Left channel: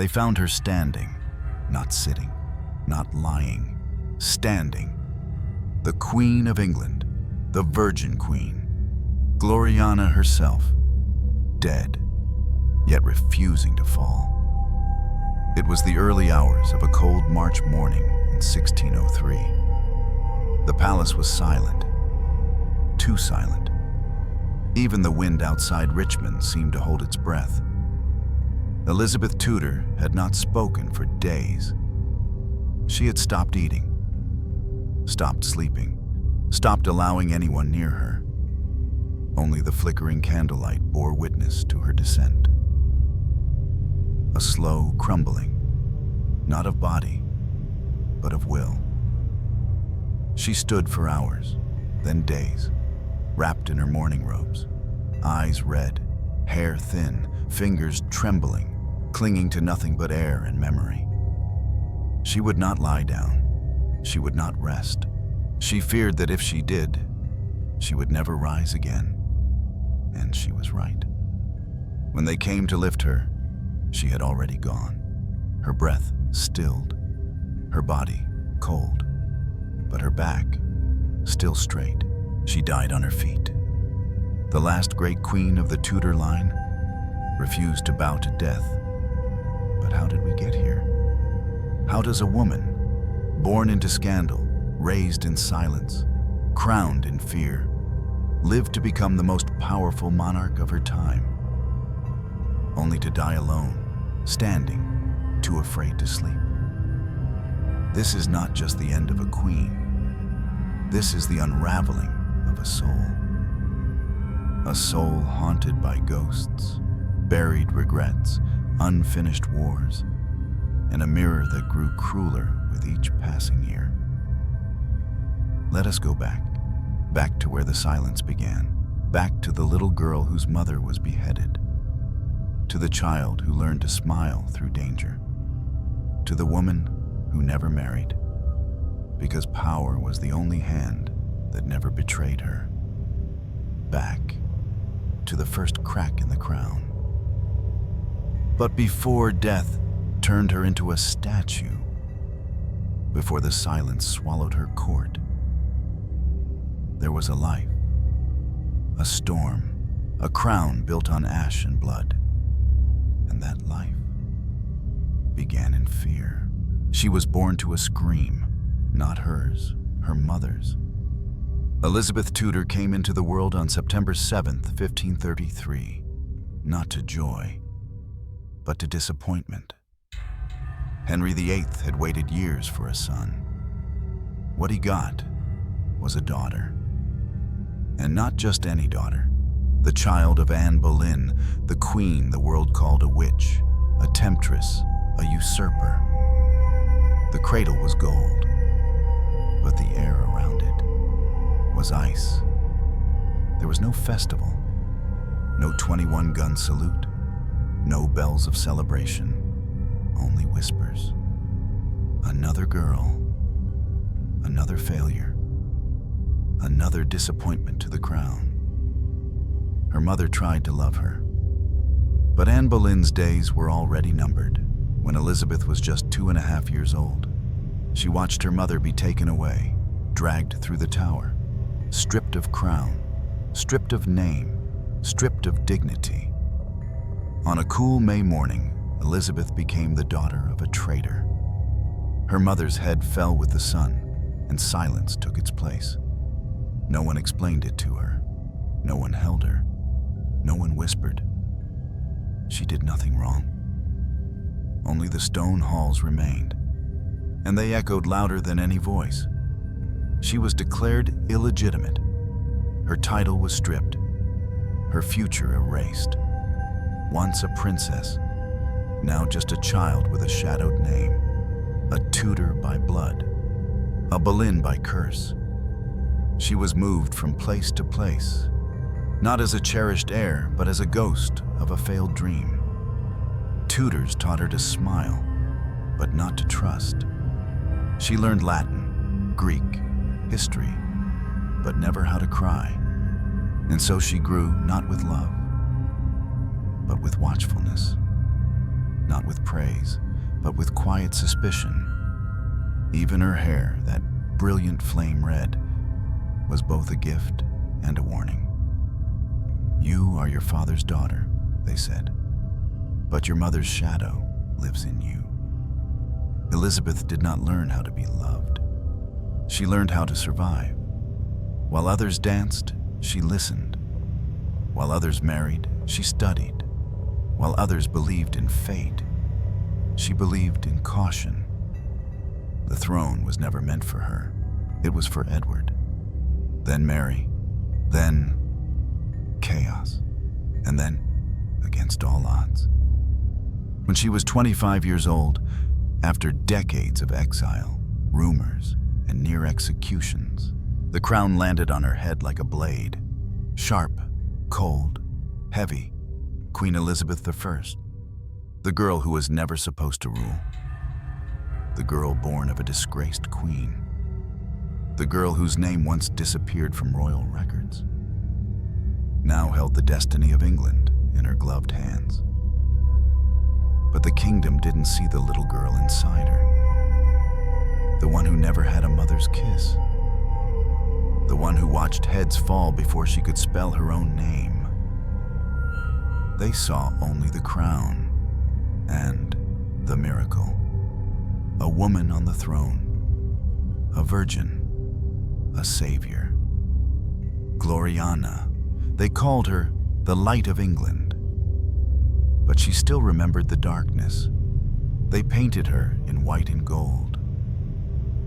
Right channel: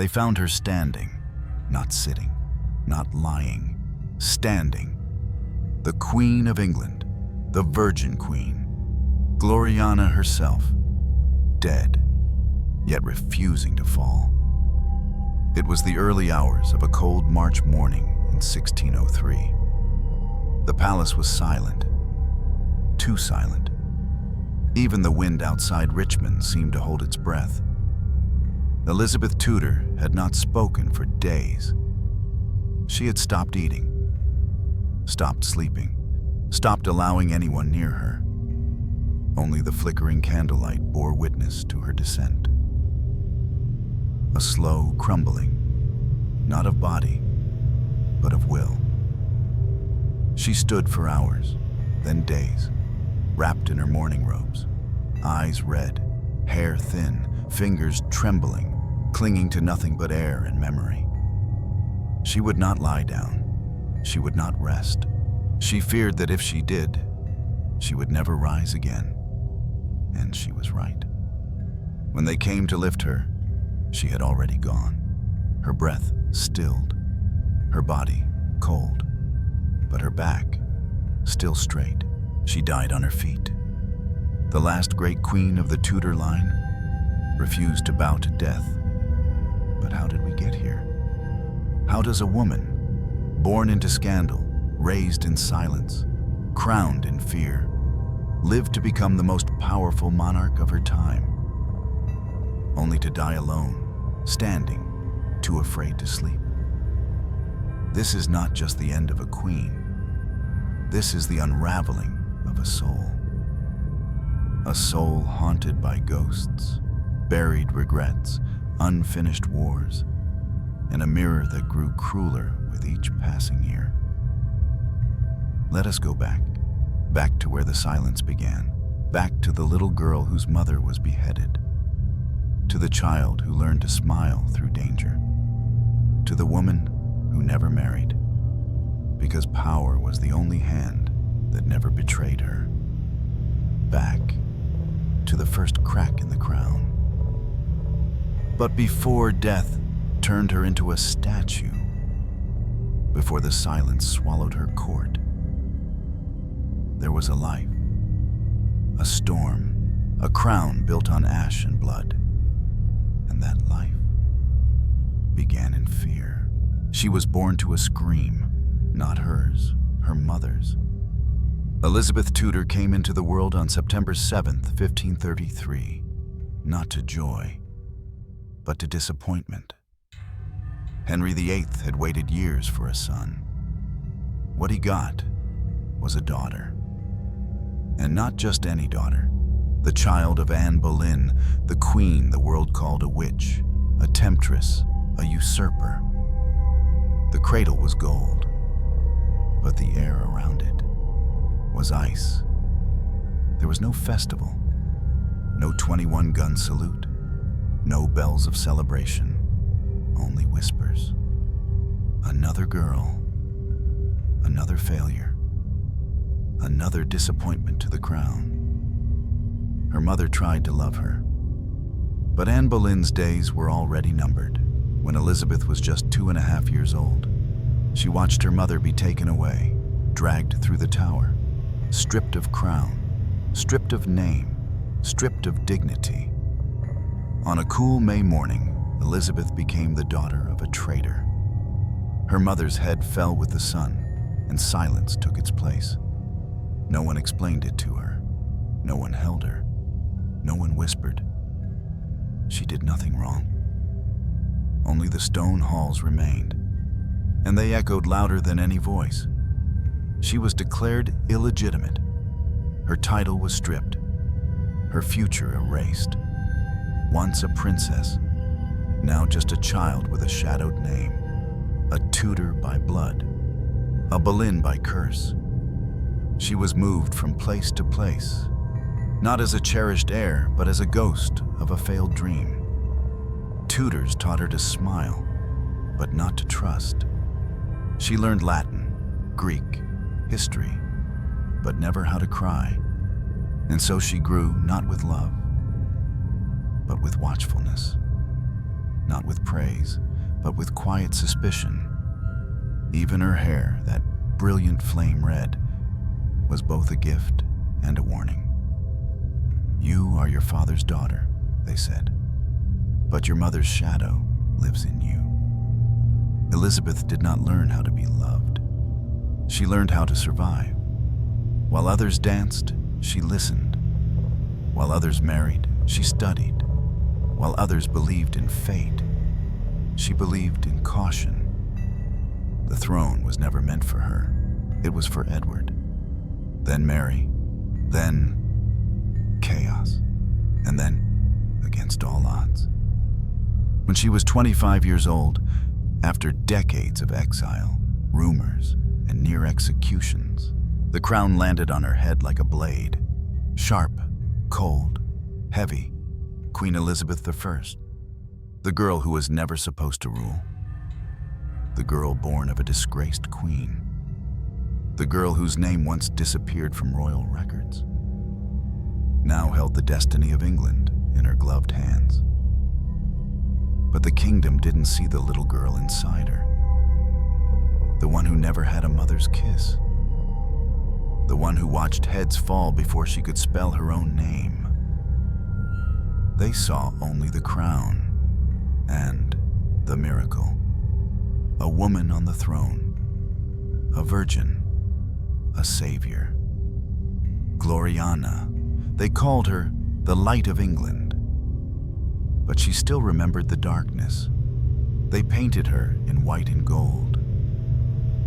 They found her standing, not sitting, not lying, standing. The Queen of England, the Virgin Queen, Gloriana herself, dead, yet refusing to fall. It was the early hours of a cold March morning in 1603. The palace was silent, too silent. Even the wind outside Richmond seemed to hold its breath. Elizabeth Tudor had not spoken for days. She had stopped eating, stopped sleeping, stopped allowing anyone near her. Only the flickering candlelight bore witness to her descent. A slow crumbling, not of body, but of will. She stood for hours, then days, wrapped in her mourning robes, eyes red, hair thin, fingers trembling, clinging to nothing but air and memory. She would not lie down. She would not rest. She feared that if she did, she would never rise again. And she was right. When they came to lift her, she had already gone. Her breath stilled, her body cold, but her back still straight. She died on her feet. The last great queen of the Tudor line refused to bow to death. But how did we get here? How does a woman, born into scandal, raised in silence, crowned in fear, live to become the most powerful monarch of her time, only to die alone, standing, too afraid to sleep? This is not just the end of a queen. This is the unraveling of a soul. A soul haunted by ghosts, buried regrets, unfinished wars, and a mirror that grew crueler with each passing year. Let us go back to where the silence began, back to the little girl whose mother was beheaded, to the child who learned to smile through danger, to the woman who never married, because power was the only hand that never betrayed her, back to the first crack in the crown. But before death turned her into a statue, before the silence swallowed her court, there was a life, a storm, a crown built on ash and blood. And that life began in fear. She was born to a scream, not hers, her mother's. Elizabeth Tudor came into the world on September 7th, 1533, not to joy, but to disappointment. Henry VIII had waited years for a son. What he got was a daughter. And not just any daughter, the child of Anne Boleyn, the queen the world called a witch, a temptress, a usurper. The cradle was gold, but the air around it was ice. There was no festival, no 21-gun salute, no bells of celebration, only whispers. Another girl, another failure, another disappointment to the crown. Her mother tried to love her, but Anne Boleyn's days were already numbered. When Elizabeth was just 2.5 years old, she watched her mother be taken away, dragged through the tower, stripped of crown, stripped of name, stripped of dignity. On a cool May morning, Elizabeth became the daughter of a traitor. Her mother's head fell with the sun, and silence took its place. No one explained it to her. No one held her. No one whispered. She did nothing wrong. Only the stone halls remained, and they echoed louder than any voice. She was declared illegitimate. Her title was stripped, her future erased. Once a princess, now just a child with a shadowed name, a Tudor by blood, a Boleyn by curse. She was moved from place to place, not as a cherished heir, but as a ghost of a failed dream. Tutors taught her to smile, but not to trust. She learned Latin, Greek, history, but never how to cry. And so she grew not with love, but with watchfulness. not with praise, but with quiet suspicion. Even her hair, that brilliant flame red, was both a gift and a warning. "You are your father's daughter," they said, "but your mother's shadow lives in you." Elizabeth did not learn how to be loved. She learned how to survive. While others danced, she listened. While others married, she studied. While others believed in fate, she believed in caution. The throne was never meant for her. It was for Edward. Then Mary. Then chaos. And then, against all odds. When she was 25 years old, after decades of exile, rumors, and near executions, the crown landed on her head like a blade. Sharp, cold, heavy. Queen Elizabeth I, the girl who was never supposed to rule. The girl born of a disgraced queen. The girl whose name once disappeared from royal records, now held the destiny of England in her gloved hands. But the kingdom didn't see the little girl inside her. The one who never had a mother's kiss. The one who watched heads fall before she could spell her own name. They saw only the crown and the miracle. A woman on the throne, a virgin, a savior. Gloriana, they called her the Light of England. But she still remembered the darkness. They painted her in white and gold.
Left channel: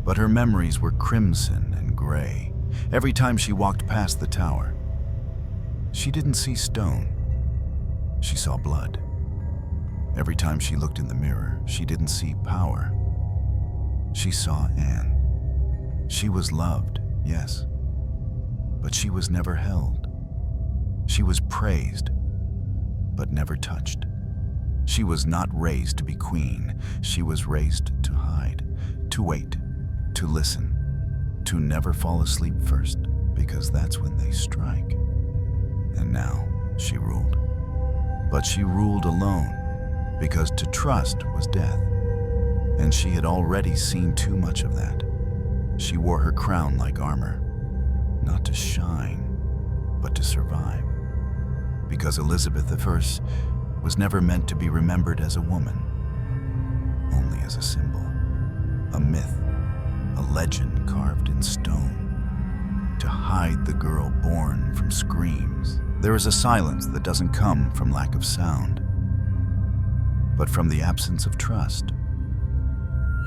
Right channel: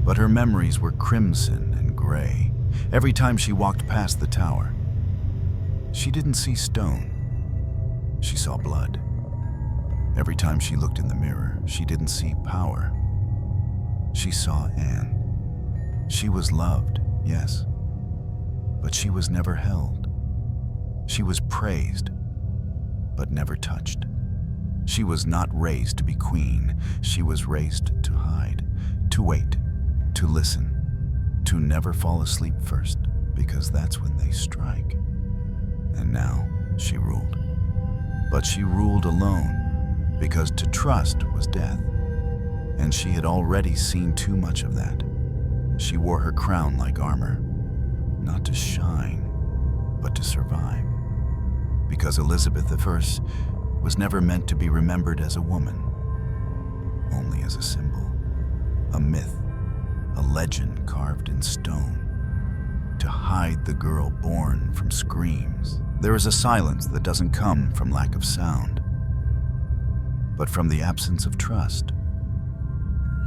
But her memories were crimson and gray. Every time she walked past the tower, she didn't see stone. She saw blood. Every time she looked in the mirror, she didn't see power. She saw Anne. She was loved, yes, but she was never held. She was praised, but never touched. She was not raised to be queen. She was raised to hide, to wait, to listen, to never fall asleep first, because that's when they strike. And now she ruled. But she ruled alone, because to trust was death. And she had already seen too much of that. She wore her crown like armor, not to shine, but to survive. Because Elizabeth I was never meant to be remembered as a woman, only as a symbol, a myth, a legend carved in stone, to hide the girl born from screams. There is a silence that doesn't come from lack of sound, but from the absence of trust.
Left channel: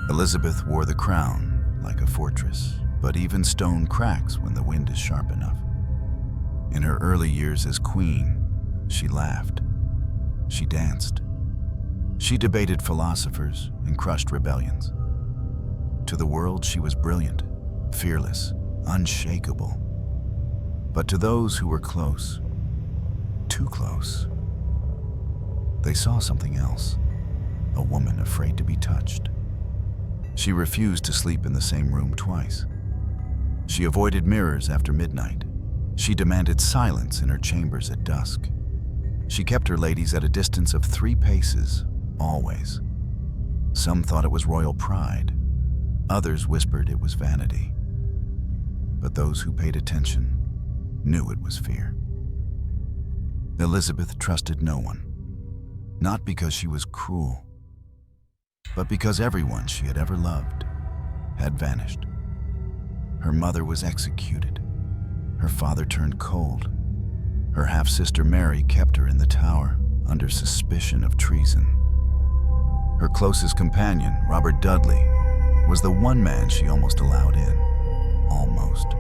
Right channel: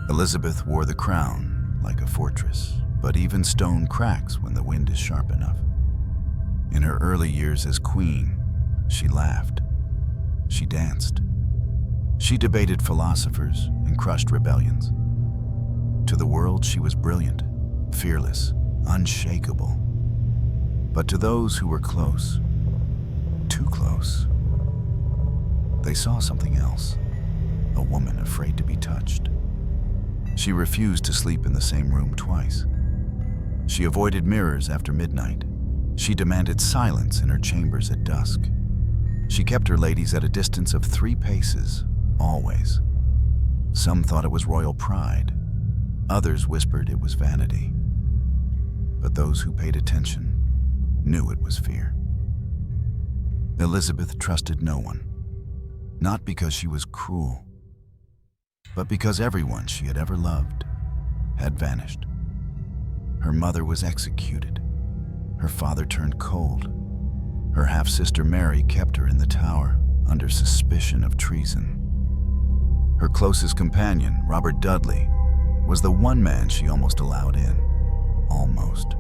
Elizabeth wore the crown like a fortress, but even stone cracks when the wind is sharp enough. In her early years as queen, she laughed, she danced, she debated philosophers and crushed rebellions. To the world, she was brilliant, fearless, unshakable. But to those who were close, too close, they saw something else, a woman afraid to be touched. She refused to sleep in the same room twice. She avoided mirrors after midnight. She demanded silence in her chambers at dusk. She kept her ladies at a distance of 3 paces, always. Some thought it was royal pride. Others whispered it was vanity. But those who paid attention knew it was fear. Elizabeth trusted no one, not because she was cruel, but because everyone she had ever loved had vanished. Her mother was executed. Her father turned cold. Her half-sister Mary kept her in the tower under suspicion of treason. Her closest companion, Robert Dudley, was the one man she almost allowed in. Almost.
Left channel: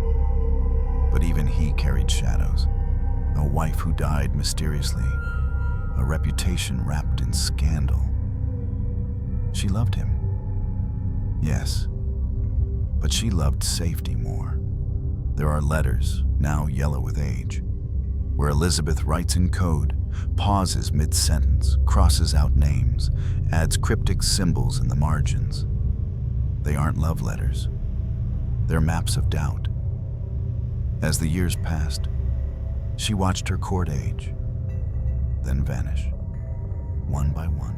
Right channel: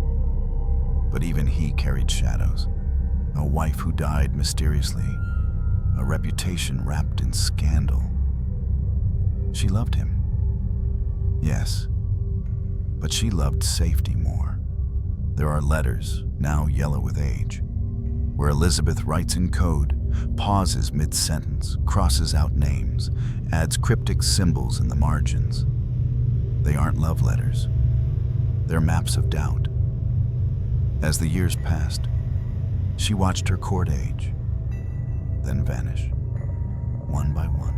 But even he carried shadows. A wife who died mysteriously. A reputation wrapped in scandal. She loved him. Yes. But she loved safety more. There are letters, now yellow with age, where Elizabeth writes in code, pauses mid-sentence, crosses out names, adds cryptic symbols in the margins. They aren't love letters. They're maps of doubt. As the years passed, she watched her court age, then vanish, one by one.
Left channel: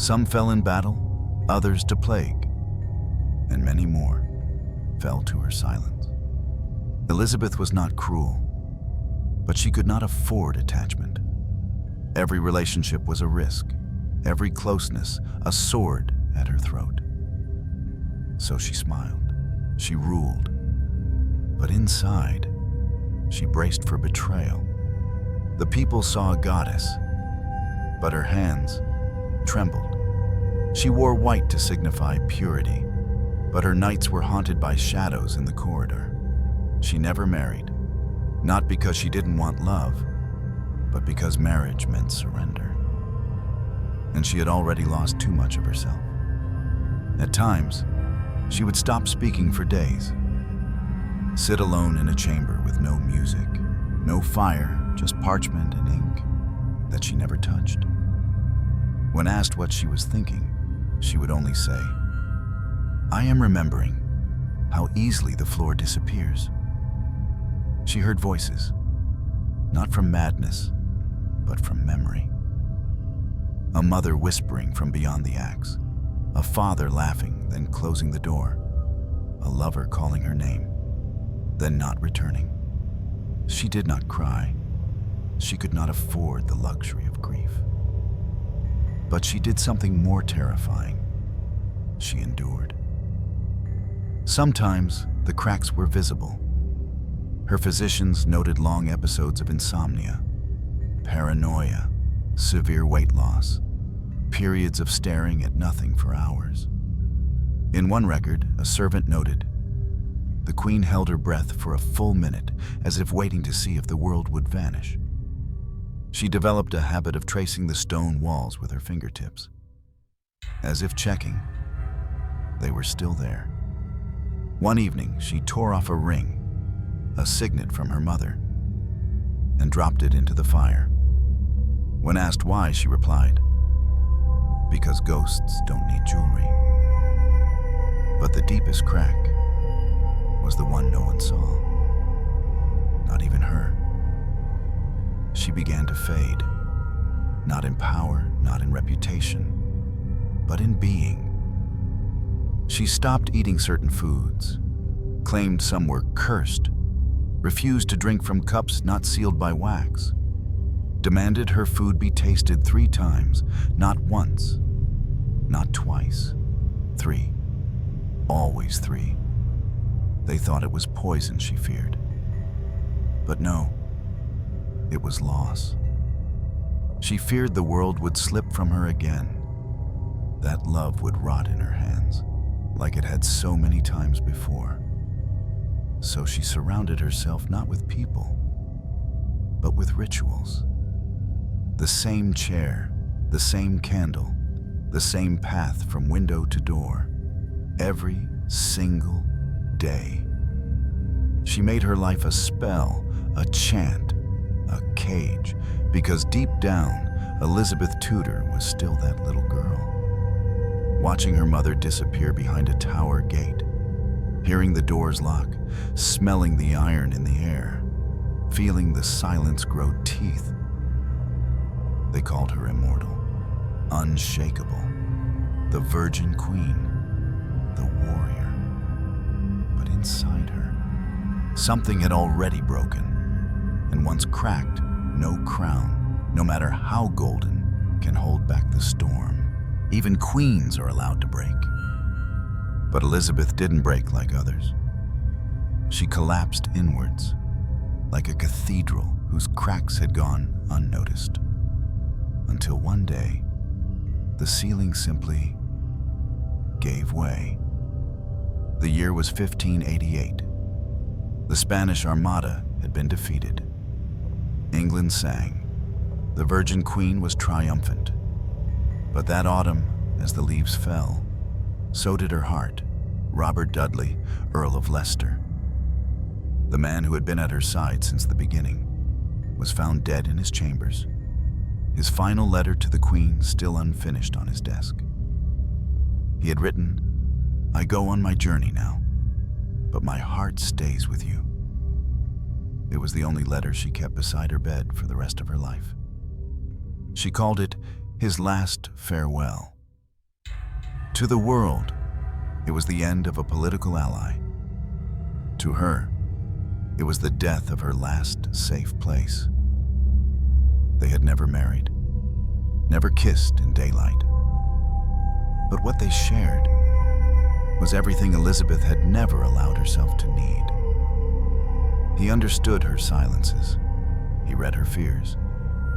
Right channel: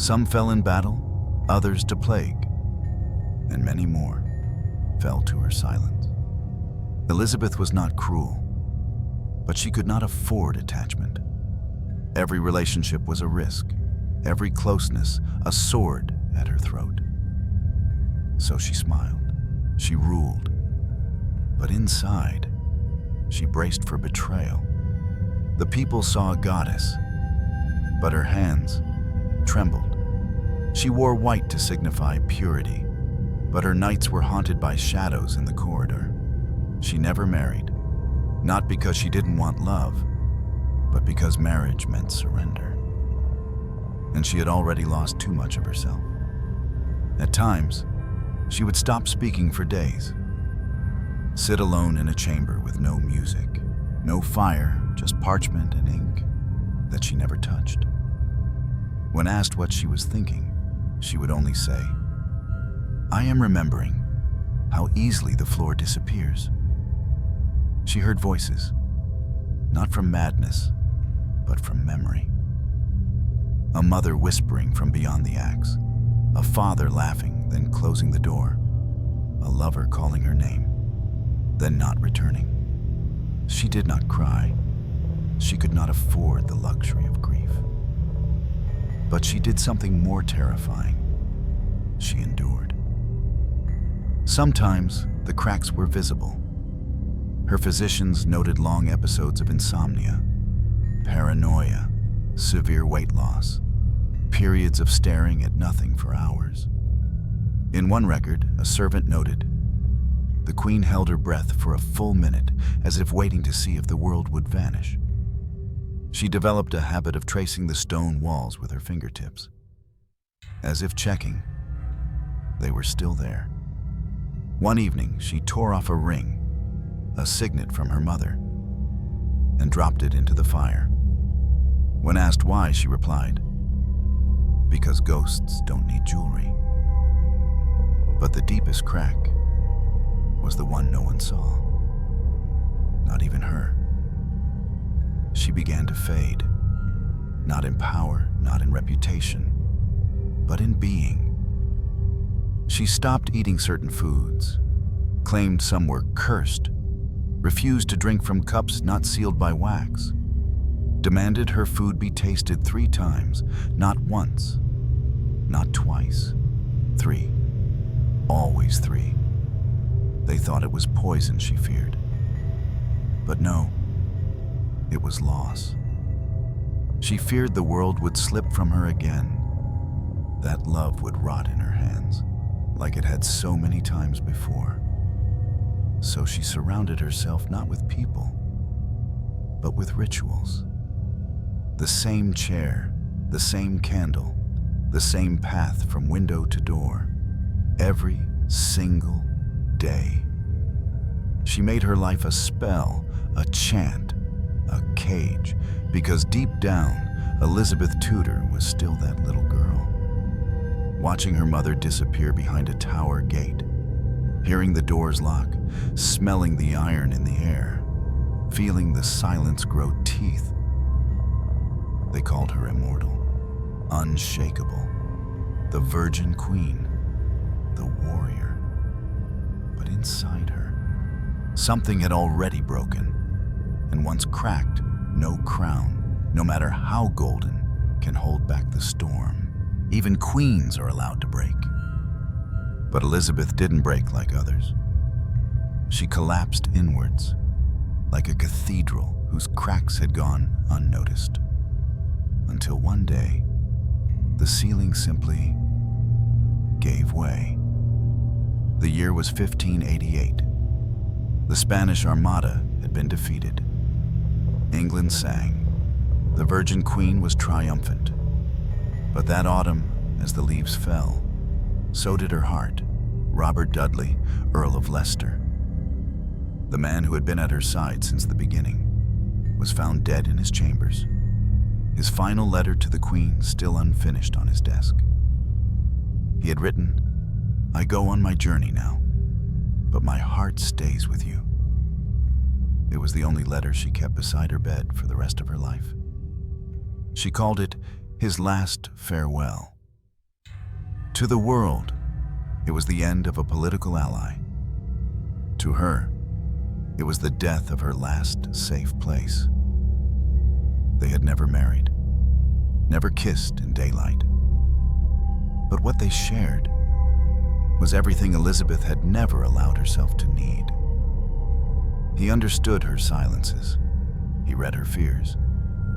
Some fell in battle, others to plague, and many more fell to her silence. Elizabeth was not cruel, but she could not afford attachment. Every relationship was a risk, every closeness a sword at her throat. So she smiled, she ruled, but inside, she braced for betrayal. The people saw a goddess, but her hands trembled. She wore white to signify purity, but her nights were haunted by shadows in the corridor. She never married, not because she didn't want love, but because marriage meant surrender. And she had already lost too much of herself. At times, she would stop speaking for days, sit alone in a chamber with no music, no fire, just parchment and ink that she never touched. When asked what she was thinking, she would only say, "I am remembering how easily the floor disappears." She heard voices, not from madness, but from memory. A mother whispering from beyond the axe, a father laughing, then closing the door, a lover calling her name, then not returning. She did not cry. She could not afford the luxury of grief. But she did something more terrifying. She endured. Sometimes the cracks were visible. Her physicians noted long episodes of insomnia, paranoia, severe weight loss, periods of staring at nothing for hours. In one record, a servant noted, "The queen held her breath for a full minute, as if waiting to see if the world would vanish." She developed a habit of tracing the stone walls with her fingertips, as if checking they were still there. One evening, she tore off a ring, a signet from her mother, and dropped it into the fire. When asked why, she replied, "Because ghosts don't need jewelry." But the deepest crack was the one no one saw, not even her. She began to fade, not in power, not in reputation, but in being. She stopped eating certain foods, claimed some were cursed, refused to drink from cups not sealed by wax, demanded her food be tasted 3 times, not once, not twice, 3, always 3. They thought it was poison she feared. But no, it was loss. She feared the world would slip from her again, that love would rot in her hands, like it had so many times before. So she surrounded herself not with people, but with rituals. The same chair, the same candle, the same path from window to door, every single day. She made her life a spell, a chant, a cage, because deep down, Elizabeth Tudor was still that little girl. Watching her mother disappear behind a tower gate, hearing the doors lock, smelling the iron in the air, feeling the silence grow teeth. They called her immortal, unshakable, the Virgin Queen, the warrior. But inside her, something had already broken, and once cracked, no crown, no matter how golden, can hold back the storm. Even queens are allowed to break. But Elizabeth didn't break like others. She collapsed inwards, like a cathedral whose cracks had gone unnoticed. Until one day, the ceiling simply gave way. The year was 1588. The Spanish Armada had been defeated. England sang. The Virgin Queen was triumphant. But that autumn, as the leaves fell, so did her heart, Robert Dudley, Earl of Leicester. The man who had been at her side since the beginning was found dead in his chambers, his final letter to the Queen still unfinished on his desk. He had written, "I go on my journey now, but my heart stays with you." It was the only letter she kept beside her bed for the rest of her life. She called it his last farewell. To the world, it was the end of a political ally. To her, it was the death of her last safe place. They had never married, never kissed in daylight. But what they shared was everything Elizabeth had never allowed herself to need. He understood her silences. He read her fears.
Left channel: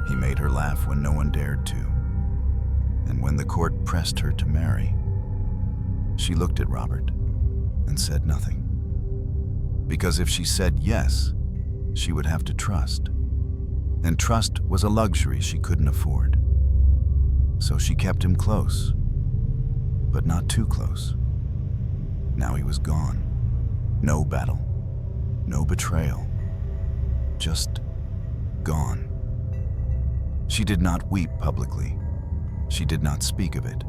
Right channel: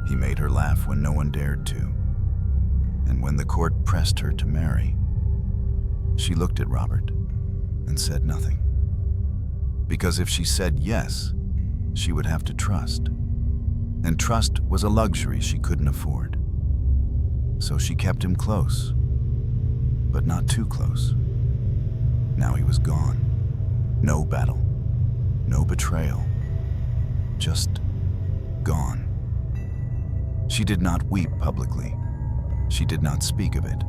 He made her laugh when no one dared to. And when the court pressed her to marry, she looked at Robert and said nothing. Because if she said yes, she would have to trust. And trust was a luxury she couldn't afford. So she kept him close, but not too close. Now he was gone. No battle, no betrayal, just gone. She did not weep publicly. She did not speak of it.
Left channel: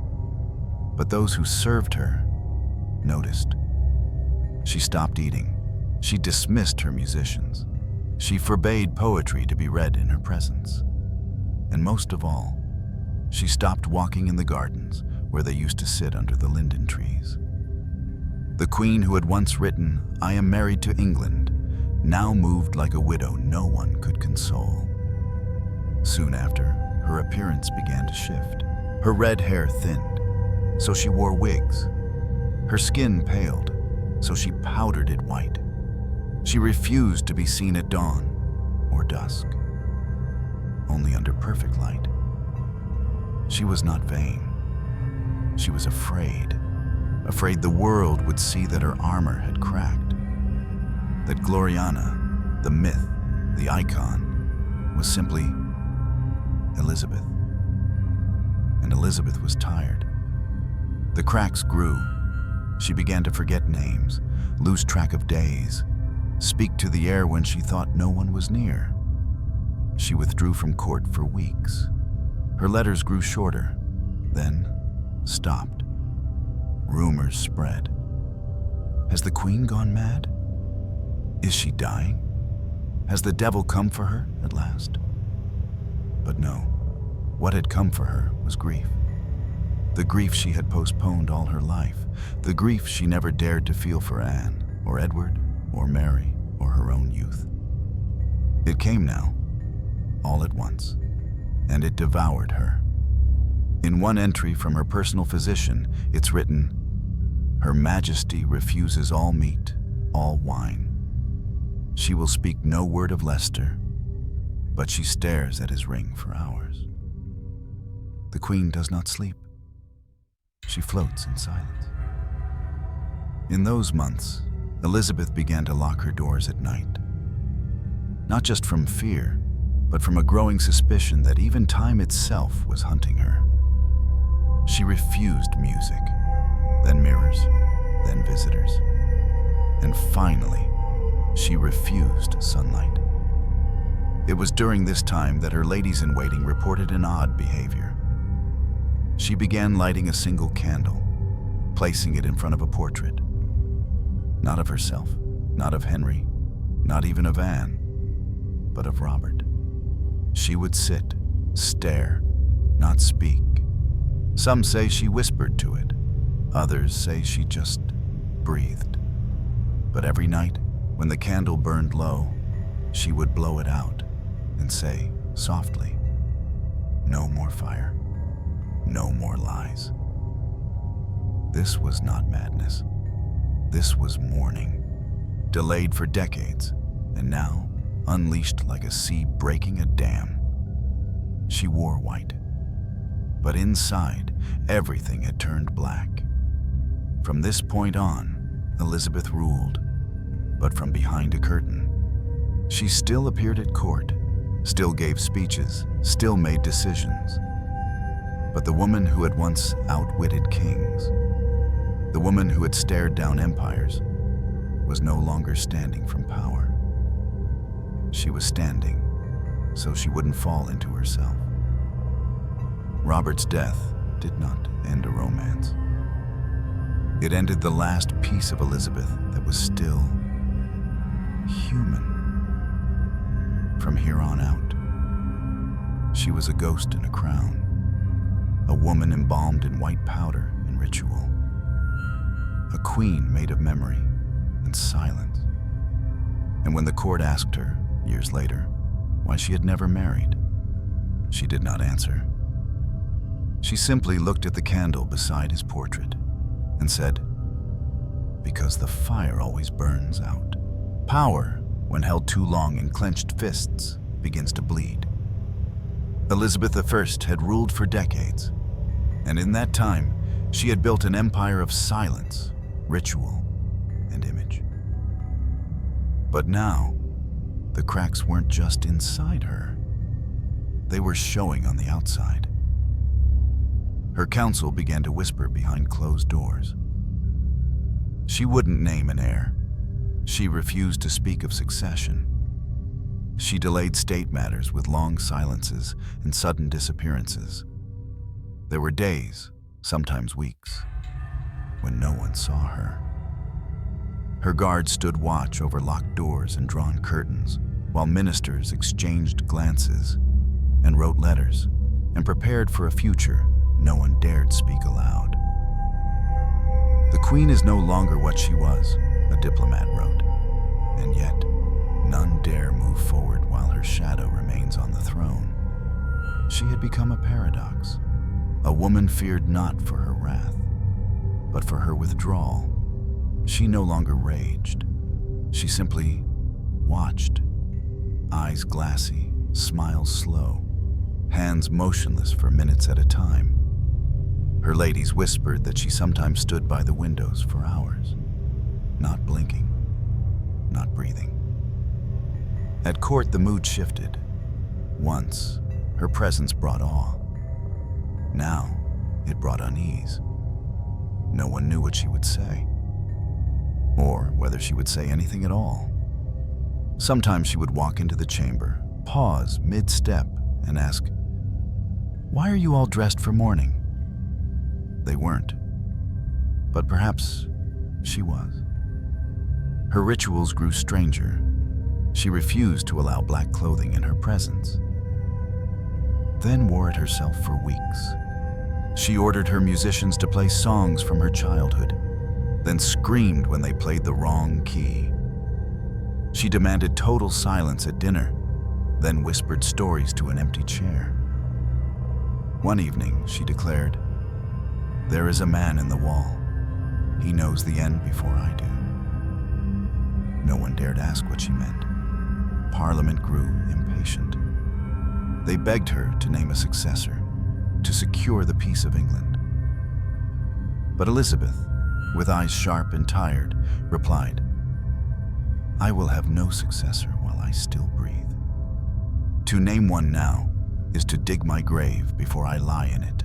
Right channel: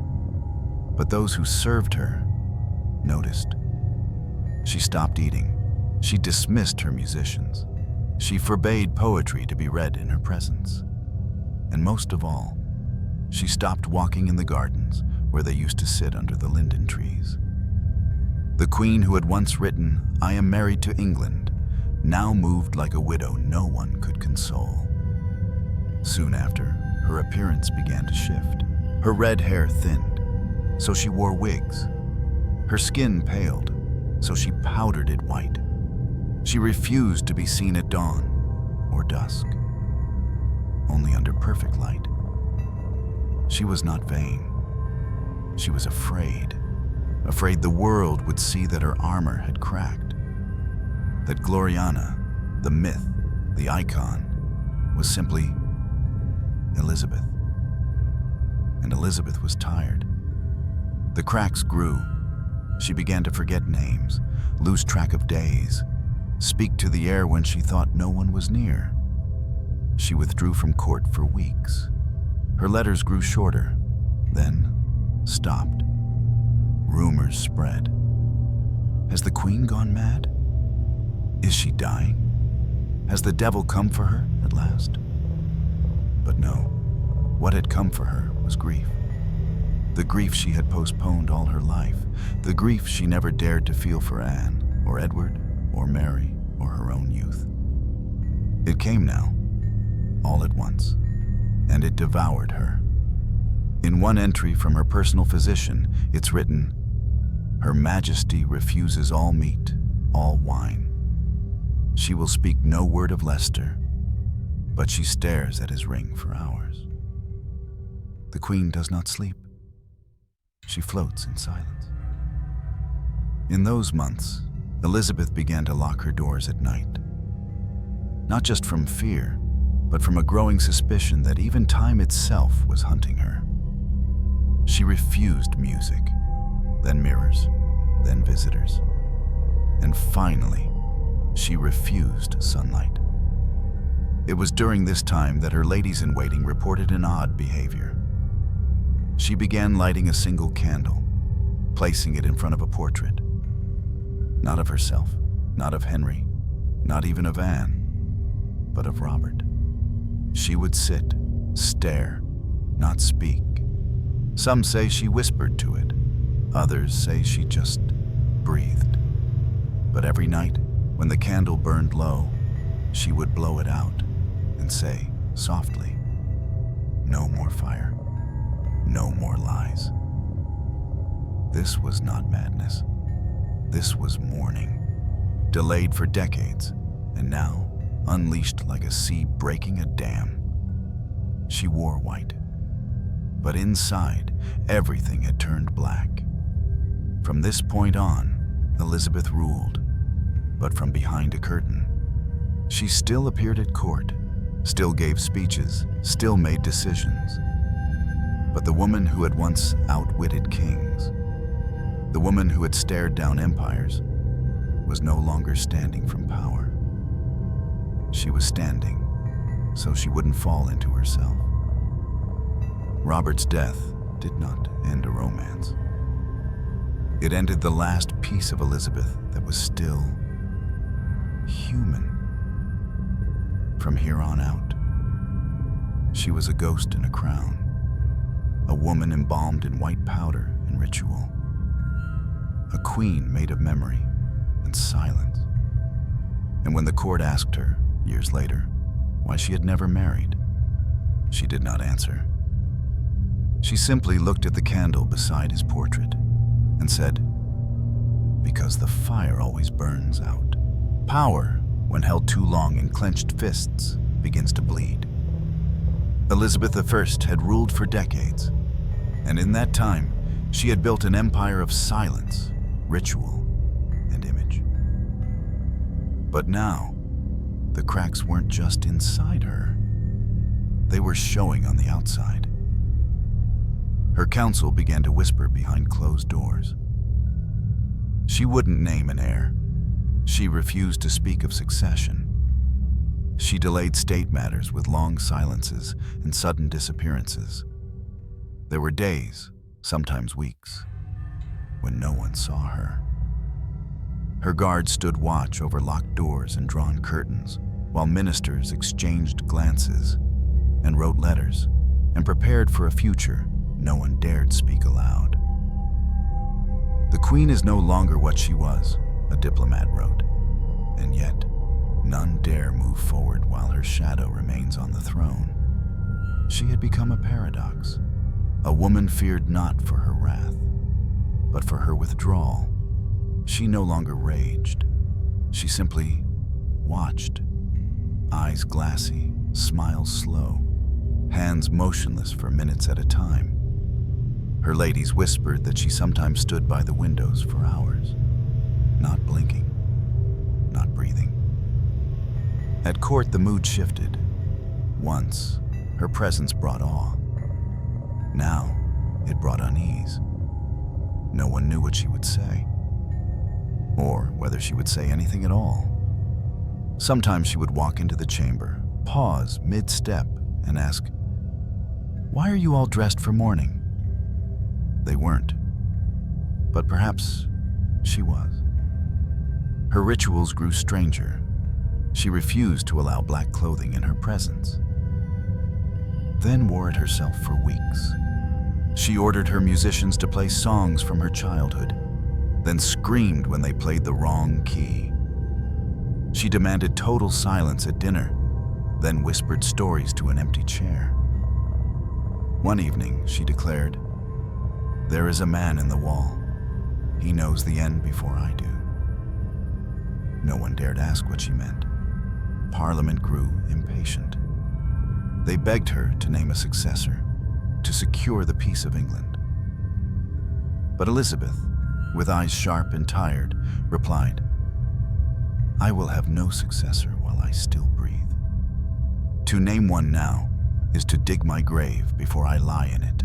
But those who served her noticed. She stopped eating. She dismissed her musicians. She forbade poetry to be read in her presence. And most of all, she stopped walking in the gardens where they used to sit under the linden trees. The queen who had once written, "I am married to England," now moved like a widow no one could console. Soon after, her appearance began to shift. Her red hair thinned, so she wore wigs. Her skin paled, so she powdered it white. She refused to be seen at dawn or dusk, only under perfect light. She was not vain. She was afraid the world would see that her armor had cracked, that Gloriana, the myth, the icon, was simply Elizabeth. And Elizabeth was tired. The cracks grew. She began to forget names, lose track of days, speak to the air when she thought no one was near. She withdrew from court for weeks. Her letters grew shorter, then stopped. Rumors spread. Has the queen gone mad? Is she dying? Has the devil come for her at last? But no, what had come for her was grief. The grief she had postponed all her life, the grief she never dared to feel for Anne, or Edward, or Mary, or her own youth. It came now, all at once, and it devoured her. In one entry from her personal physician, it's written, "Her Majesty refuses all meat, all wine. She will speak no word of Leicester, but she stares at his ring for hours." The queen does not sleep. She floats in silence. In those months, Elizabeth began to lock her doors at night. Not just from fear, but from a growing suspicion that even time itself was hunting her. She refused music, then mirrors, then visitors. And finally, she refused sunlight. It was during this time that her ladies-in-waiting reported an odd behavior. She began lighting a single candle, placing it in front of a portrait. Not of herself, not of Henry, not even of Anne, but of Robert. She would sit, stare, not speak. Some say she whispered to it. Others say she just breathed. But every night, when the candle burned low, she would blow it out and say, softly, "No more fire, no more lies." This was not madness. This was mourning, delayed for decades, and now unleashed like a sea breaking a dam. She wore white, but inside, everything had turned black. From this point on, Elizabeth ruled, but from behind a curtain. She still appeared at court, still gave speeches, still made decisions. But the woman who had once outwitted kings, the woman who had stared down empires, was no longer standing from power. She was standing so she wouldn't fall into herself. Robert's death did not end a romance. It ended the last piece of Elizabeth that was still human. From here on out, she was a ghost in a crown, a woman embalmed in white powder and ritual, a queen made of memory and silence. And when the court asked her, years later, why she had never married, she did not answer. She simply looked at the candle beside his portrait and said, "Because the fire always burns out. Power, when held too long in clenched fists, begins to bleed." Elizabeth I had ruled for decades, and in that time, she had built an empire of silence, ritual, and image. But now, the cracks weren't just inside her. They were showing on the outside. Her council began to whisper behind closed doors. She wouldn't name an heir. She refused to speak of succession. She delayed state matters with long silences and sudden disappearances. There were days, sometimes weeks, when no one saw her. Her guards stood watch over locked doors and drawn curtains, while ministers exchanged glances and wrote letters and prepared for a future no one dared speak aloud. The queen is no longer what she was, a diplomat wrote, and yet none dare move forward while her shadow remains on the throne. She had become a paradox, a woman feared not for her wrath, but for her withdrawal. She no longer raged. She simply watched, eyes glassy, smiles slow, hands motionless for minutes at a time. Her ladies whispered that she sometimes stood by the windows for hours, not blinking, not breathing. At court, the mood shifted. Once, her presence brought awe. Now, it brought unease. No one knew what she would say, or whether she would say anything at all. Sometimes she would walk into the chamber, pause mid-step, and ask, "Why are you all dressed for mourning?" They weren't, but perhaps she was. Her rituals grew stranger. She refused to allow black clothing in her presence, then wore it herself for weeks. She ordered her musicians to play songs from her childhood, then screamed when they played the wrong key. She demanded total silence at dinner, then whispered stories to an empty chair. One evening, she declared, "There is a man in the wall. He knows the end before I do." No one dared ask what she meant. Parliament grew impatient. They begged her to name a successor, to secure the peace of England. But Elizabeth, with eyes sharp and tired, replied, "I will have no successor while I still breathe. To name one now is to dig my grave before I lie in it."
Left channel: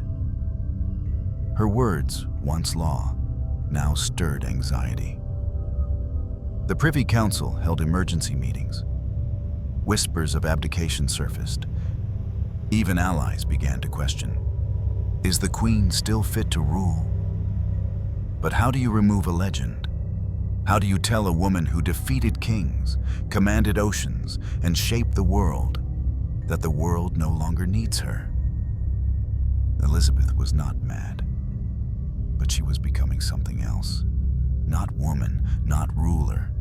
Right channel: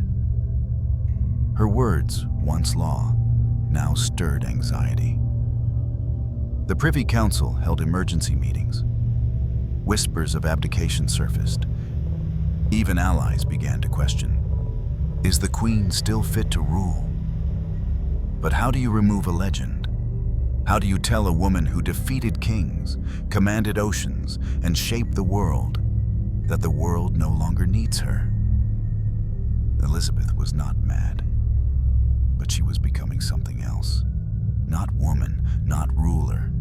Her words, once law, now stirred anxiety. The Privy Council held emergency meetings. Whispers of abdication surfaced. Even allies began to question, is the Queen still fit to rule? But how do you remove a legend? How do you tell a woman who defeated kings, commanded oceans, and shaped the world that the world no longer needs her? Elizabeth was not mad, but she was becoming something else. Not woman, not ruler,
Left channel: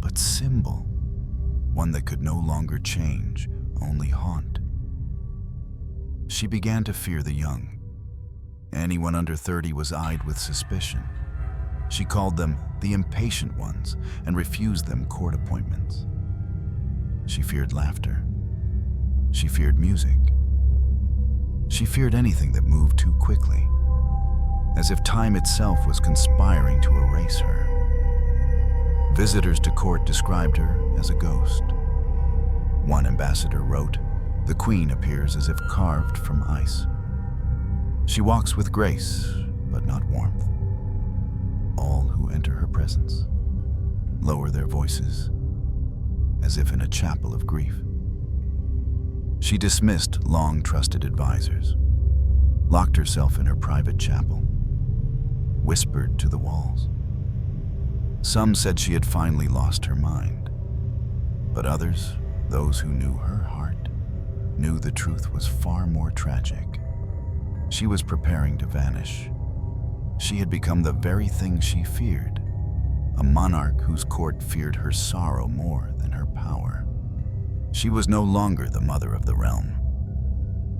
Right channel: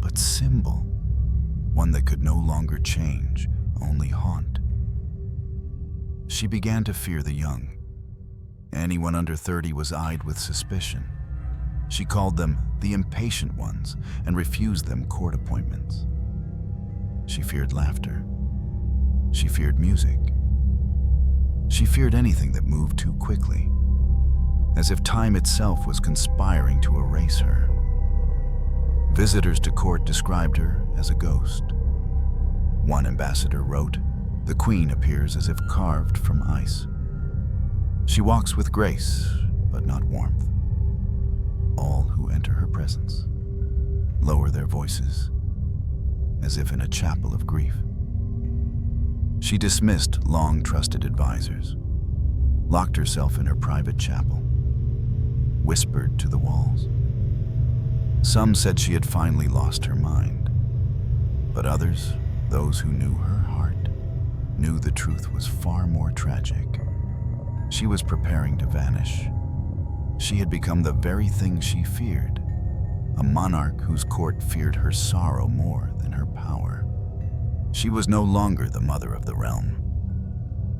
but symbol. One that could no longer change, only haunt. She began to fear the young. Anyone under 30 was eyed with suspicion. She called them the impatient ones and refused them court appointments. She feared laughter. She feared music. She feared anything that moved too quickly, as if time itself was conspiring to erase her. Visitors to court described her as a ghost. One ambassador wrote, "The Queen appears as if carved from ice. She walks with grace, but not warmth. All who enter her presence lower their voices, as if in a chapel of grief." She dismissed long-trusted advisors, locked herself in her private chapel, whispered to the walls. Some said she had finally lost her mind, but others, those who knew her heart, knew the truth was far more tragic. She was preparing to vanish. She had become the very thing she feared, a monarch whose court feared her sorrow more than her power. She was no longer the mother of the realm.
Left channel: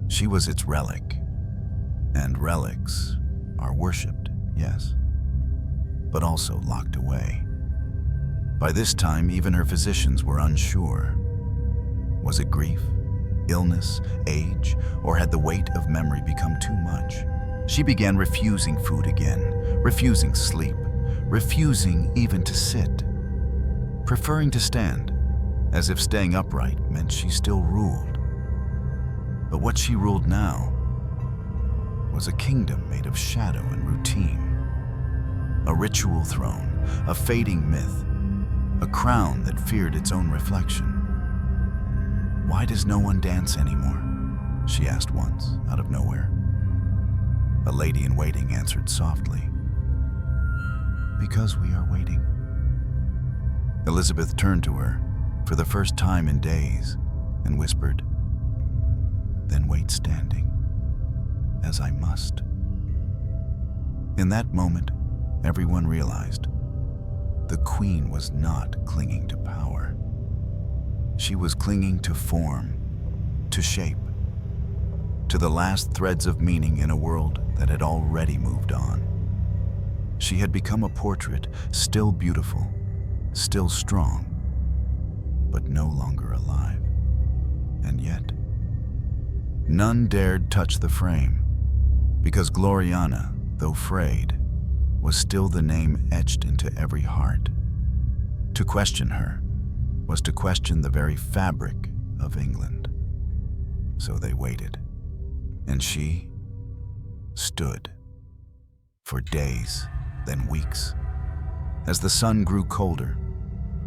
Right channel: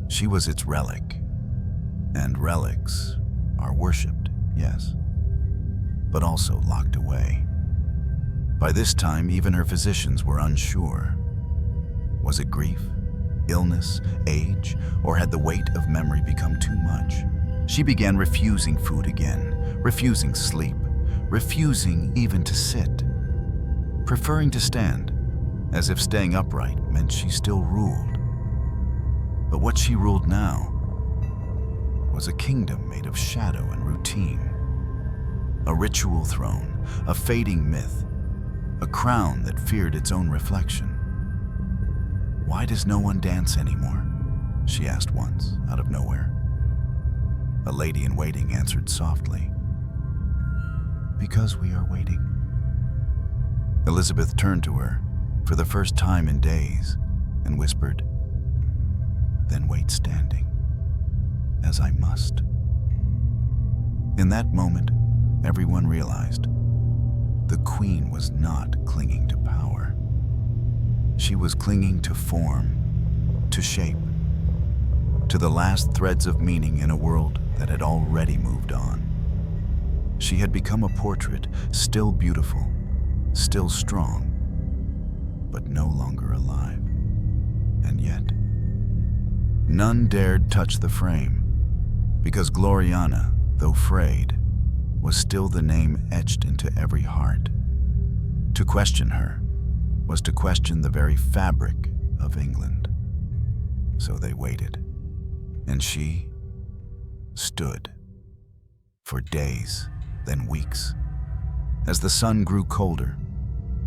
She was its relic, and relics are worshipped, yes, but also locked away. By this time, even her physicians were unsure. Was it grief, illness, age, or had the weight of memory become too much? She began refusing food again, refusing sleep, refusing even to sit, preferring to stand, as if staying upright meant she still ruled. But what she ruled now was a kingdom made of shadow and routine, a ritual throne, a fading myth, a crown that feared its own reflection. "Why does no one dance anymore?" she asked once, out of nowhere. A lady in waiting answered softly, "Because we are waiting." Elizabeth turned to her for the first time in days and whispered, "Then wait standing, as I must." In that moment, everyone realized the queen was not clinging to power. She was clinging to form, to shape, to the last threads of meaning in a world that had already moved on. She had become a portrait, still beautiful, still strong, but no longer alive. And yet, none dared touch the frame, because Gloriana, though frayed, was still the name etched into every heart. To question her was to question the very fabric of England. So they waited, and she stood for days, then weeks, as the sun grew colder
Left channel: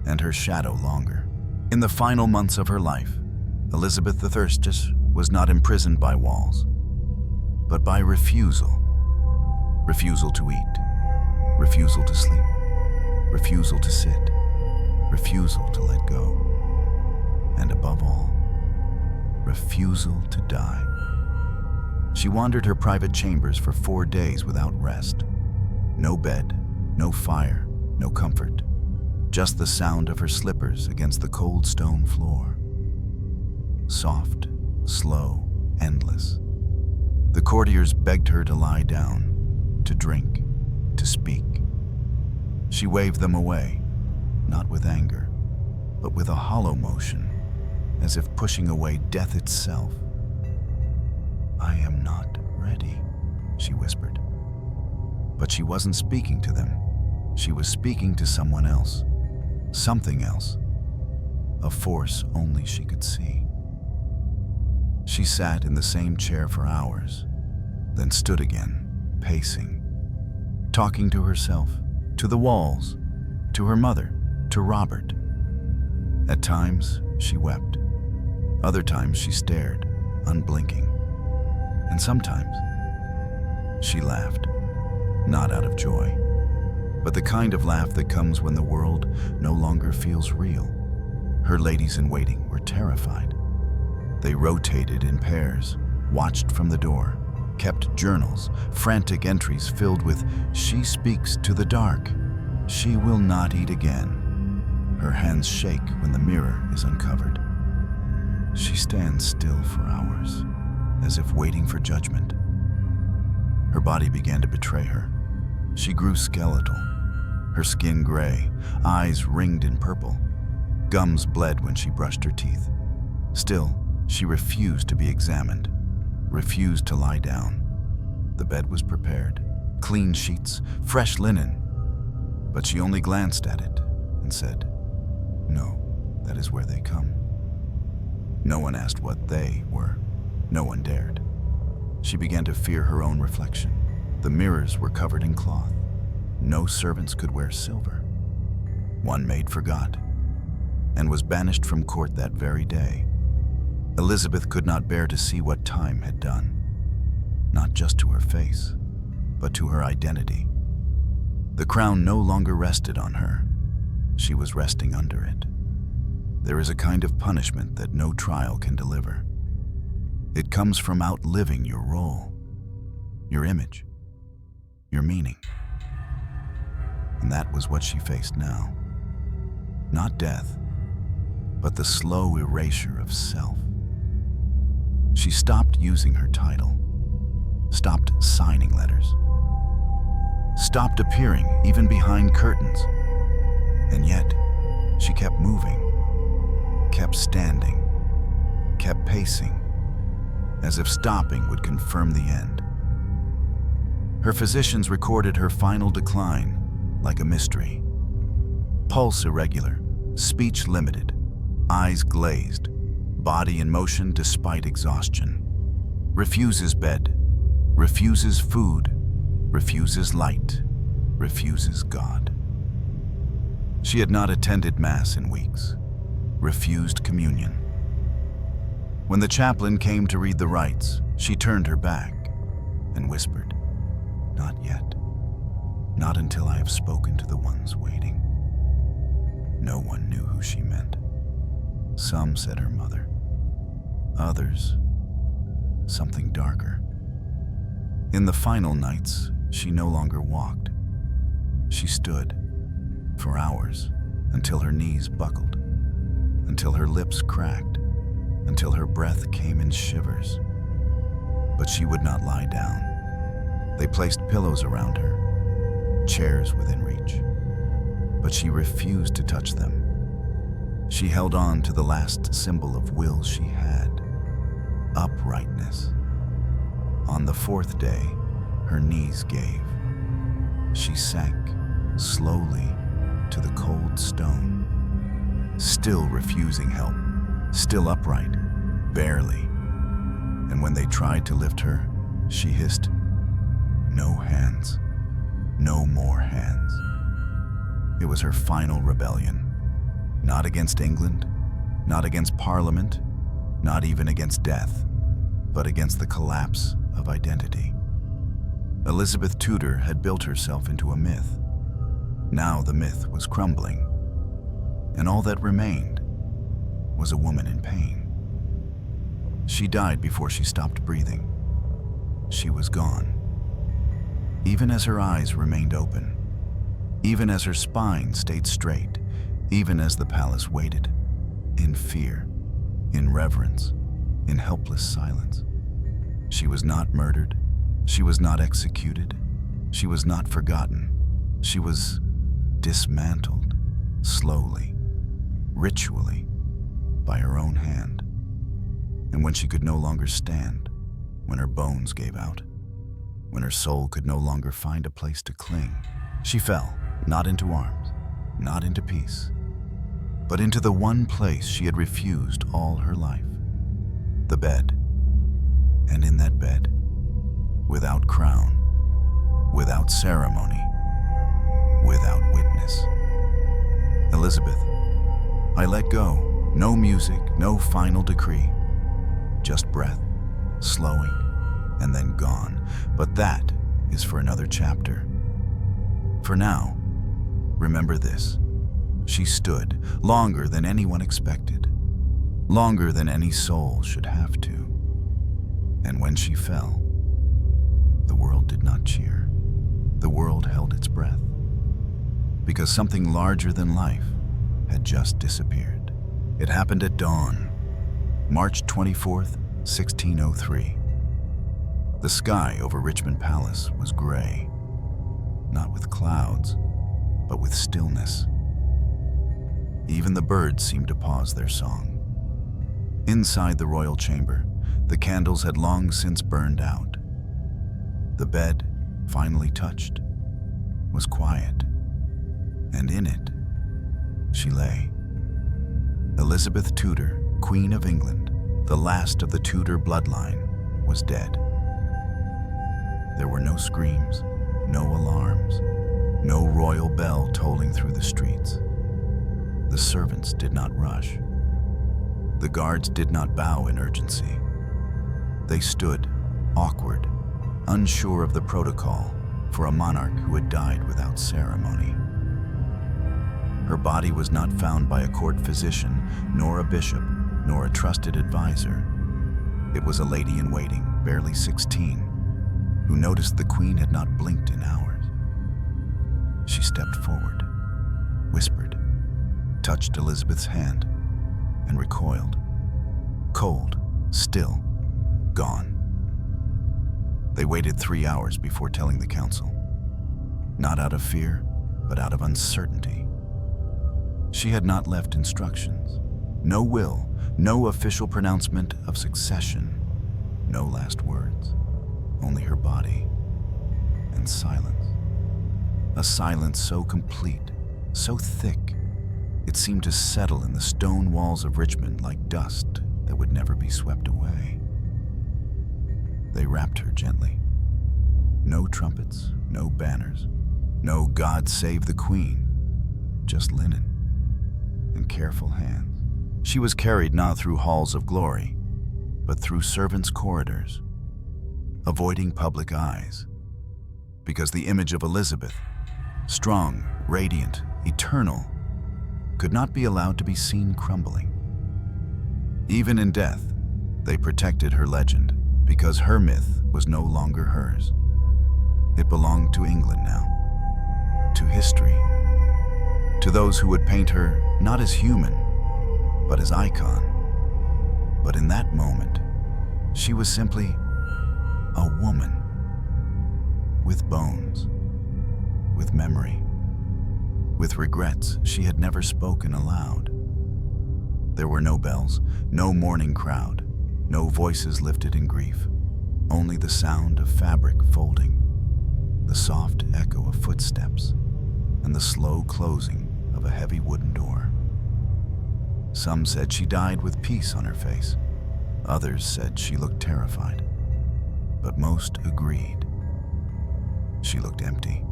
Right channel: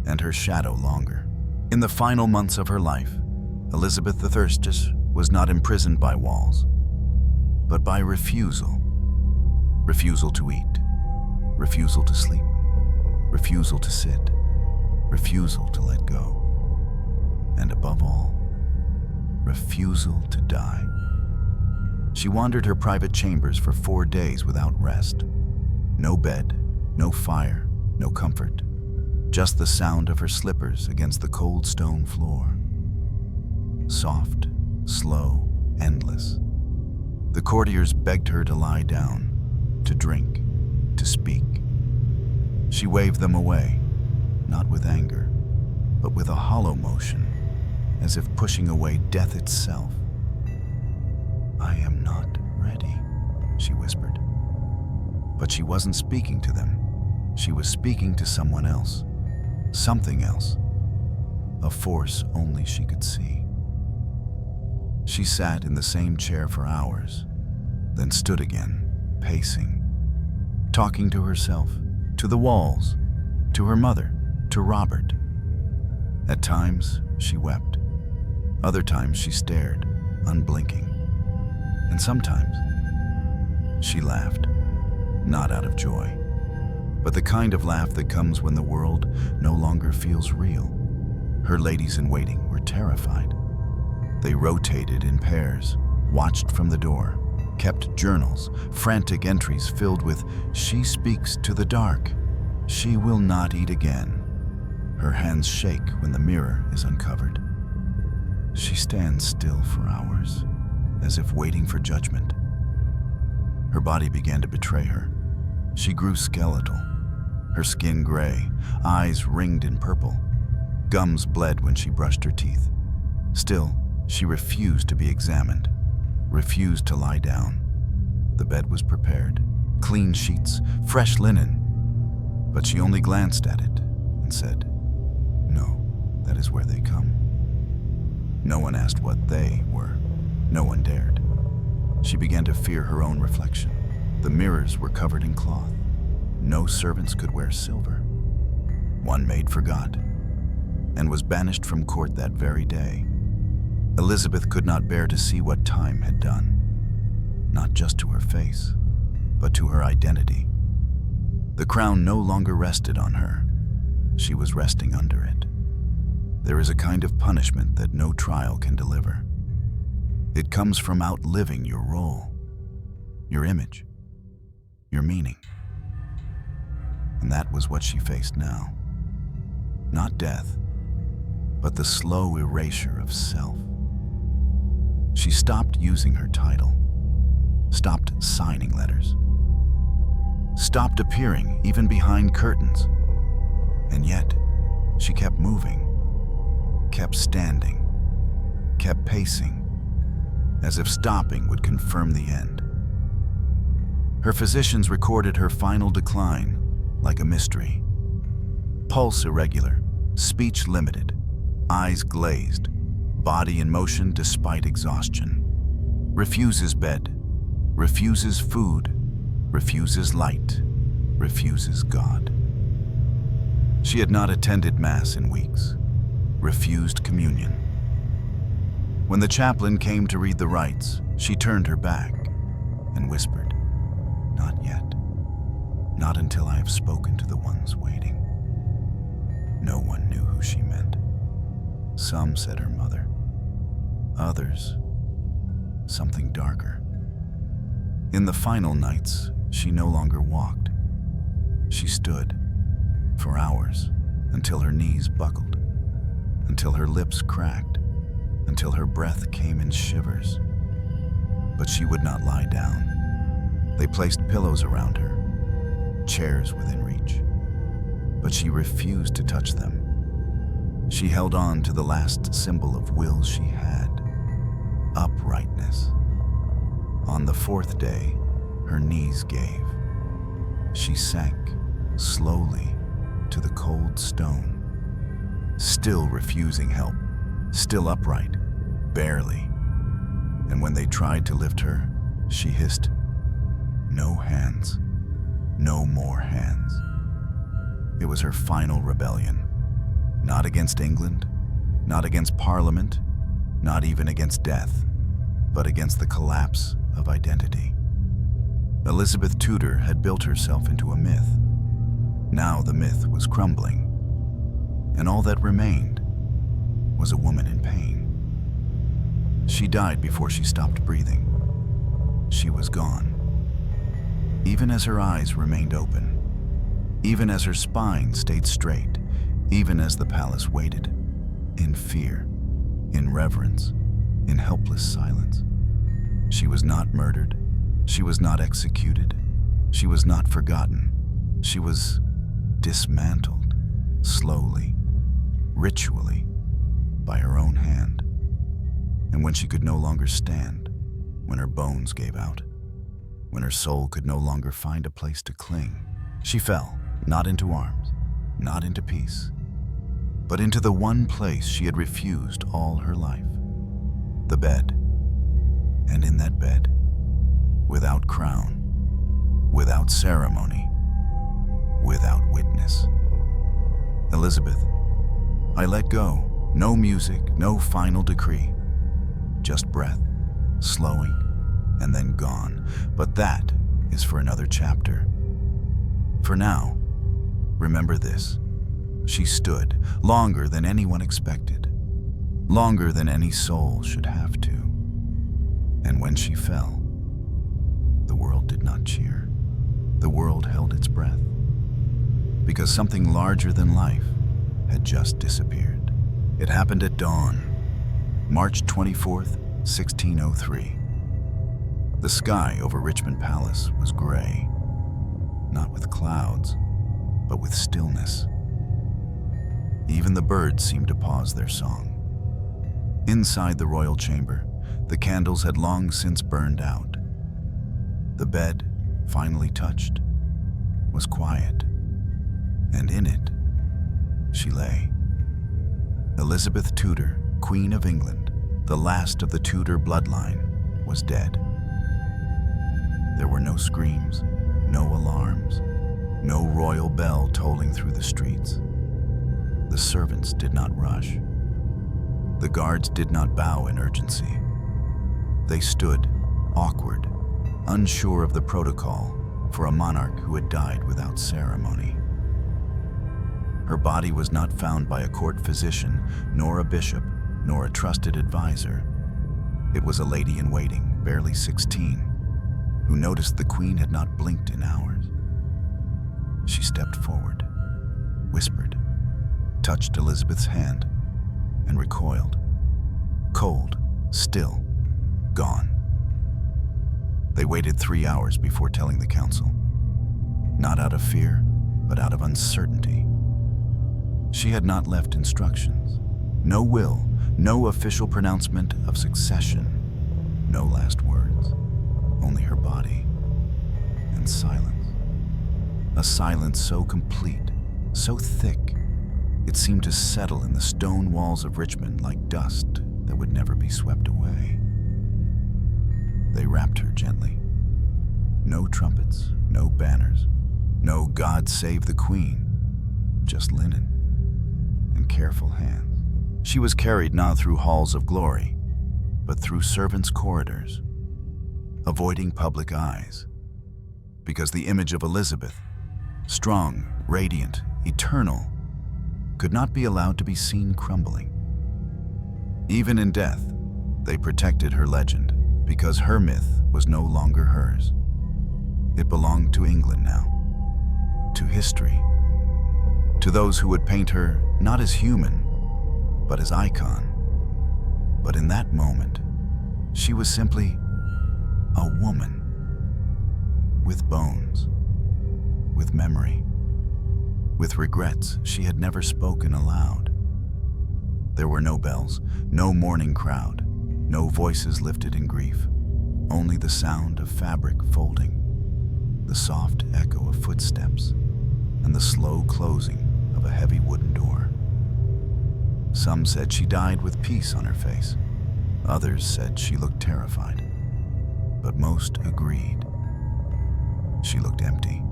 and her shadow longer. In the final months of her life, Elizabeth the Thirstiest was not imprisoned by walls, but by refusal. Refusal to eat, refusal to sleep, refusal to sit, refusal to let go, and above all, refusal to die. She wandered her private chambers for 4 days without rest. No bed, no fire, no comfort, just the sound of her slippers against the cold stone floor. Soft, slow, endless. The courtiers begged her to lie down, to drink, to speak. She waved them away, not with anger, but with a hollow motion, as if pushing away death itself. "I am not ready," she whispered. But she wasn't speaking to them. She was speaking to someone else, something else, a force only she could see. She sat in the same chair for hours, then stood again, pacing, talking to herself, to the walls, to her mother, to Robert. At times, she wept. Other times, she stared, unblinking. And sometimes, she laughed, not out of joy, but the kind of laugh that comes when the world no longer feels real. Her ladies-in-waiting were terrified. They rotated in pairs, watched from the door, kept journals, frantic entries filled with, "She speaks to the dark. She will not eat again." Her hands shake when the mirror is uncovered. She stands still for hours, as if waiting for judgment. Her body began to betray her. She grew skeletal, her skin gray, eyes ringed in purple. Gums bled when she brushed her teeth. Still, she refused to be examined, refused to lie down. The bed was prepared, clean sheets, fresh linen. But she only glanced at it and said, "No, that is where they come." No one asked what they were. No one dared. She began to fear her own reflection. The mirrors were covered in cloth. No servants could wear silver. One maid forgot and was banished from court that very day. Elizabeth could not bear to see what time had done, not just to her face, but to her identity. The crown no longer rested on her. She was resting under it. There is a kind of punishment that no trial can deliver. It comes from outliving your role. your image, your meaning. And that was what she faced now. Not death, but the slow erasure of self. She stopped using her title, stopped signing letters, stopped appearing even behind curtains. And yet, she kept moving, kept standing, kept pacing, as if stopping would confirm the end. Her physicians recorded her final decline like a mystery. Pulse irregular, speech limited, eyes glazed, body in motion despite exhaustion. Refuses bed, refuses food, refuses light, refuses God. She had not attended Mass in weeks, refused communion. When the chaplain came to read the rites, she turned her back and whispered, "Not yet. Not until I have spoken to the ones waiting." No one knew who she meant. Some said her mother. Others, something darker. In the final nights, she no longer walked. She stood for hours until her knees buckled, until her lips cracked, until her breath came in shivers. But she would not lie down. They placed pillows around her, chairs within reach, but she refused to touch them. She held on to the last symbol of will she had, uprightness. On the fourth day, her knees gave. She sank slowly to the cold stone, still refusing help, still upright, barely. And when they tried to lift her, she hissed, "No hands, no more hands." It was her final rebellion. Not against England, not against Parliament, not even against death, but against the collapse of identity. Elizabeth Tudor had built herself into a myth. Now the myth was crumbling, and all that remained was a woman in pain. She died before she stopped breathing. She was gone. Even as her eyes remained open, even as her spine stayed straight, even as the palace waited, in fear, in reverence, in helpless silence. She was not murdered. She was not executed. She was not forgotten. She was dismantled, slowly, ritually, by her own hand. And when she could no longer stand, when her bones gave out, when her soul could no longer find a place to cling, she fell, not into arms, not into peace, but into the one place she had refused all her life, the bed. And in that bed, without crown, without ceremony, without witness, "Elizabeth, I let go. No music, no final decree. Just breath, slowing, and then gone. But that is for another chapter. For now, remember this. She stood longer than anyone expected, longer than any soul should have to. And when she fell, the world did not cheer. The world held its breath, because something larger than life had just disappeared. It happened at dawn, March 24th, 1603. The sky over Richmond Palace was gray, not with clouds, but with stillness. Even the birds seemed to pause their song. Inside the royal chamber, the candles had long since burned out. The bed, finally touched, was quiet, and in it, she lay. Elizabeth Tudor, Queen of England, the last of the Tudor bloodline, was dead. There were no screams, no alarms, no royal bell tolling through the streets. The servants did not rush. The guards did not bow in urgency. They stood, awkward, unsure of the protocol for a monarch who had died without ceremony. Her body was not found by a court physician, nor a bishop, nor a trusted advisor. It was a lady in waiting, barely 16, who noticed the Queen had not blinked in hours. She stepped forward, whispered, touched Elizabeth's hand, and recoiled. Cold, still, gone. They waited 3 hours before telling the council. Not out of fear, but out of uncertainty. She had not left instructions. No will, no official pronouncement of succession. No last words. Only her body and silence. A silence so complete, so thick, it seemed to settle in the stone walls of Richmond like dust that would never be swept away. They wrapped her gently. No trumpets, no banners, no God save the Queen, just linen and careful hands. She was carried not through halls of glory, but through servants' corridors, avoiding public eyes, because the image of Elizabeth, strong, radiant, eternal, could not be allowed to be seen crumbling. Even in death, they protected her legend, because her myth was no longer hers. It belonged to England now, to history, to those who would paint her not as human, but as icon. But in that moment, she was simply a woman with bones, with memory, with regrets she had never spoken aloud. There were no bells, no mourning crowd, no voices lifted in grief, only the sound of fabric folding, the soft echo of footsteps, and the slow closing of a heavy wooden door. Some said she died with peace on her face. Others said she looked terrified. But most agreed. She looked empty,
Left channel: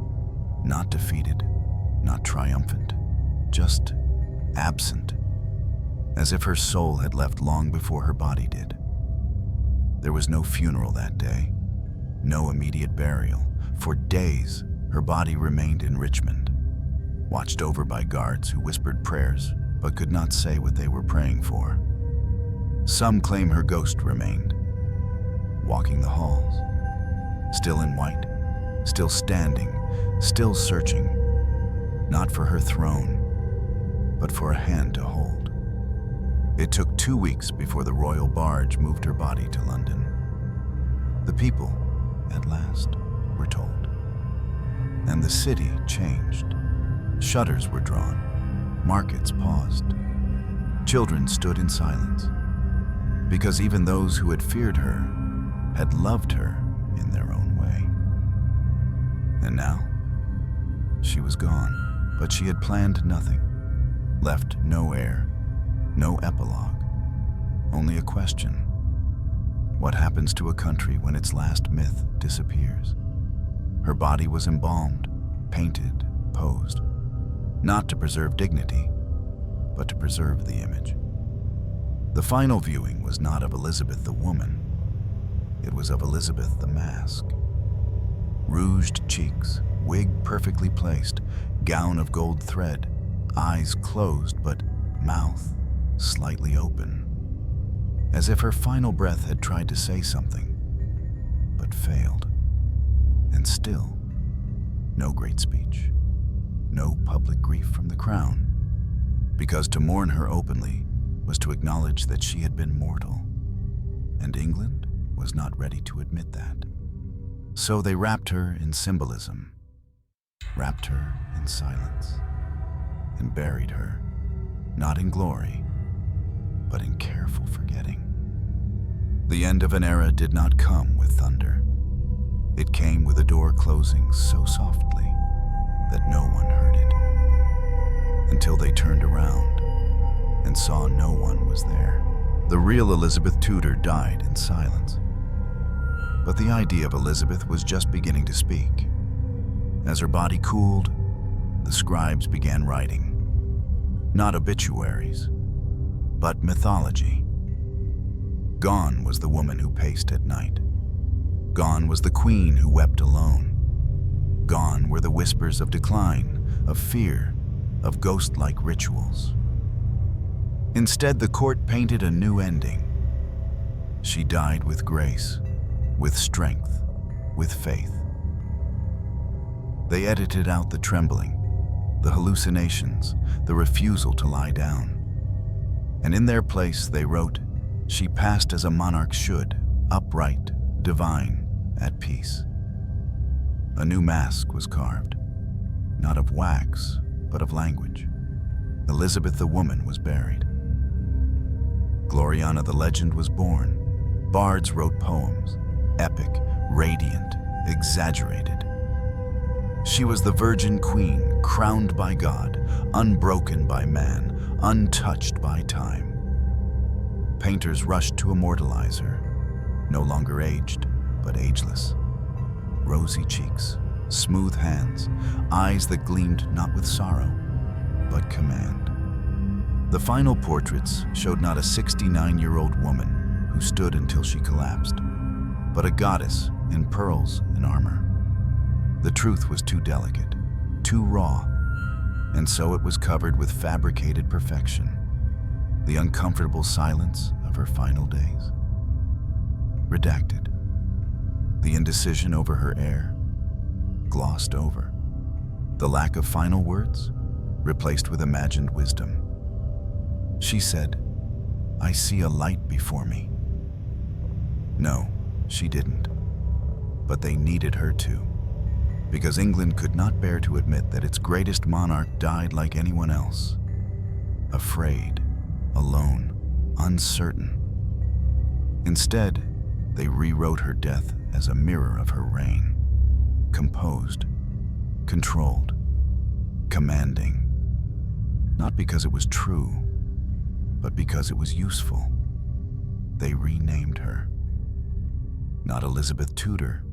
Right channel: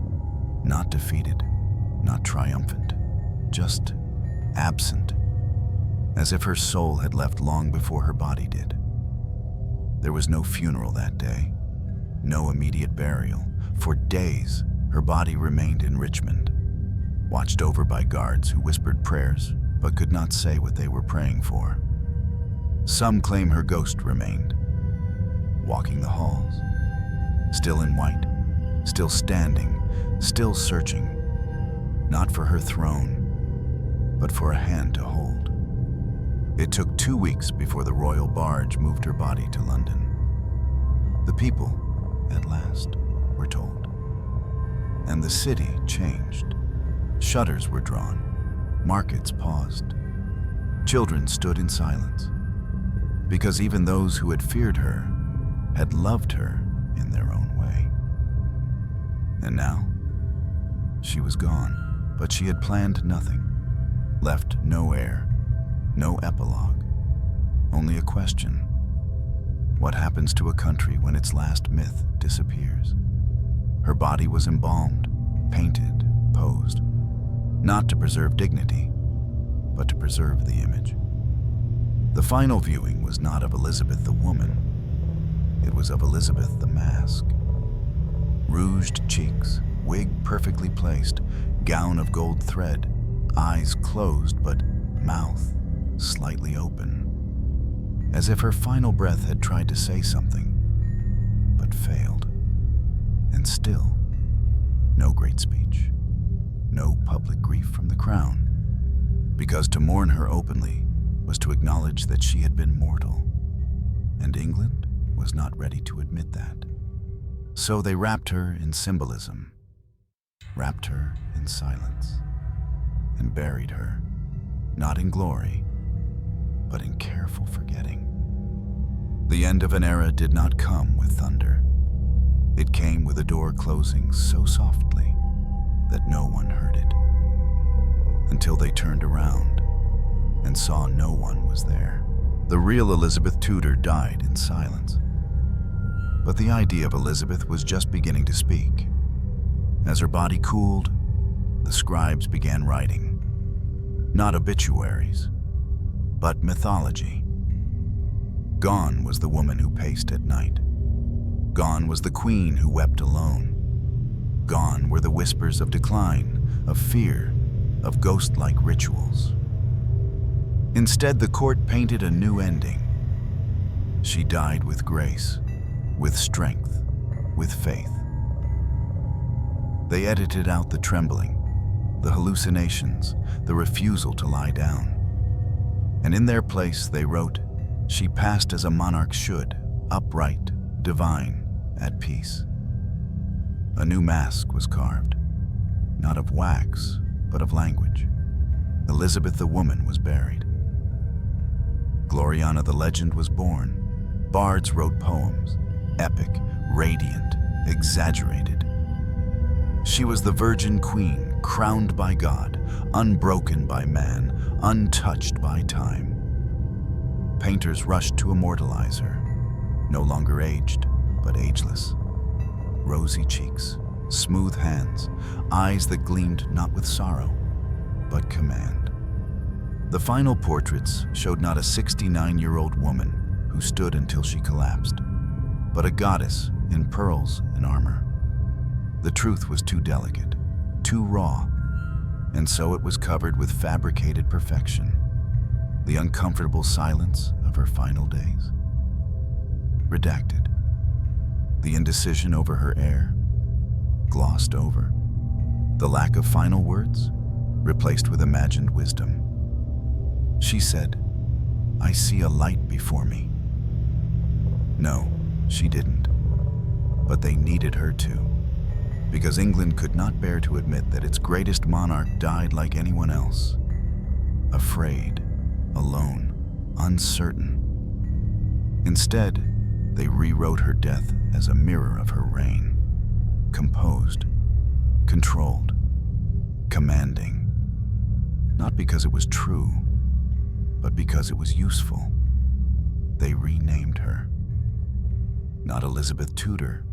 not defeated, not triumphant, just absent, as if her soul had left long before her body did. There was no funeral that day, no immediate burial. For days, her body remained in Richmond, watched over by guards who whispered prayers but could not say what they were praying for. Some claim her ghost remained, walking the halls, still in white, still standing, still searching, not for her throne, but for a hand to hold. It took 2 weeks before the royal barge moved her body to London. The people, at last, were told. And the city changed. Shutters were drawn. Markets paused. Children stood in silence, because even those who had feared her had loved her in their own way. And now, she was gone, but she had planned nothing, left no heir, no epilogue, only a question. What happens to a country when its last myth disappears? Her body was embalmed, painted, posed, not to preserve dignity, but to preserve the image. The final viewing was not of Elizabeth the woman, it was of Elizabeth the mask. Rouged cheeks, wig perfectly placed, gown of gold thread, eyes closed but mouth slightly open, as if her final breath had tried to say something, but failed. And still, no great speech, no public grief from the crown, because to mourn her openly was to acknowledge that she had been mortal, and England was not ready to admit that. So they wrapped her in symbolism, wrapped her in silence, and buried her, not in glory, but in careful forgetting. The end of an era did not come with thunder. It came with a door closing so softly that no one heard it, until they turned around and saw no one was there. The real Elizabeth Tudor died in silence. But the idea of Elizabeth was just beginning to speak. As her body cooled, the scribes began writing. Not obituaries, but mythology. Gone was the woman who paced at night. Gone was the queen who wept alone. Gone were the whispers of decline, of fear, of ghost-like rituals. Instead, the court painted a new ending. She died with grace, with strength, with faith. They edited out the trembling, the hallucinations, the refusal to lie down. And in their place they wrote, "She passed as a monarch should, upright, divine, at peace." A new mask was carved, not of wax, but of language. Elizabeth the woman was buried. Gloriana the legend was born. Bards wrote poems, epic, radiant, exaggerated. She was the Virgin Queen, crowned by God, unbroken by man, untouched by time. Painters rushed to immortalize her, no longer aged, but ageless. Rosy cheeks, smooth hands, eyes that gleamed not with sorrow, but command. The final portraits showed not a 69-year-old woman who stood until she collapsed, but a goddess in pearls and armor. The truth was too delicate, too raw, and so it was covered with fabricated perfection, the uncomfortable silence of her final days. Redacted. The indecision over her heir, glossed over. The lack of final words, replaced with imagined wisdom. She said, "I see a light before me." No, she didn't. But they needed her to, because England could not bear to admit that its greatest monarch died like anyone else. Afraid, alone, uncertain. Instead, they rewrote her death as a mirror of her reign. Composed, controlled, commanding. Not because it was true, but because it was useful. They renamed her. Not Elizabeth Tudor,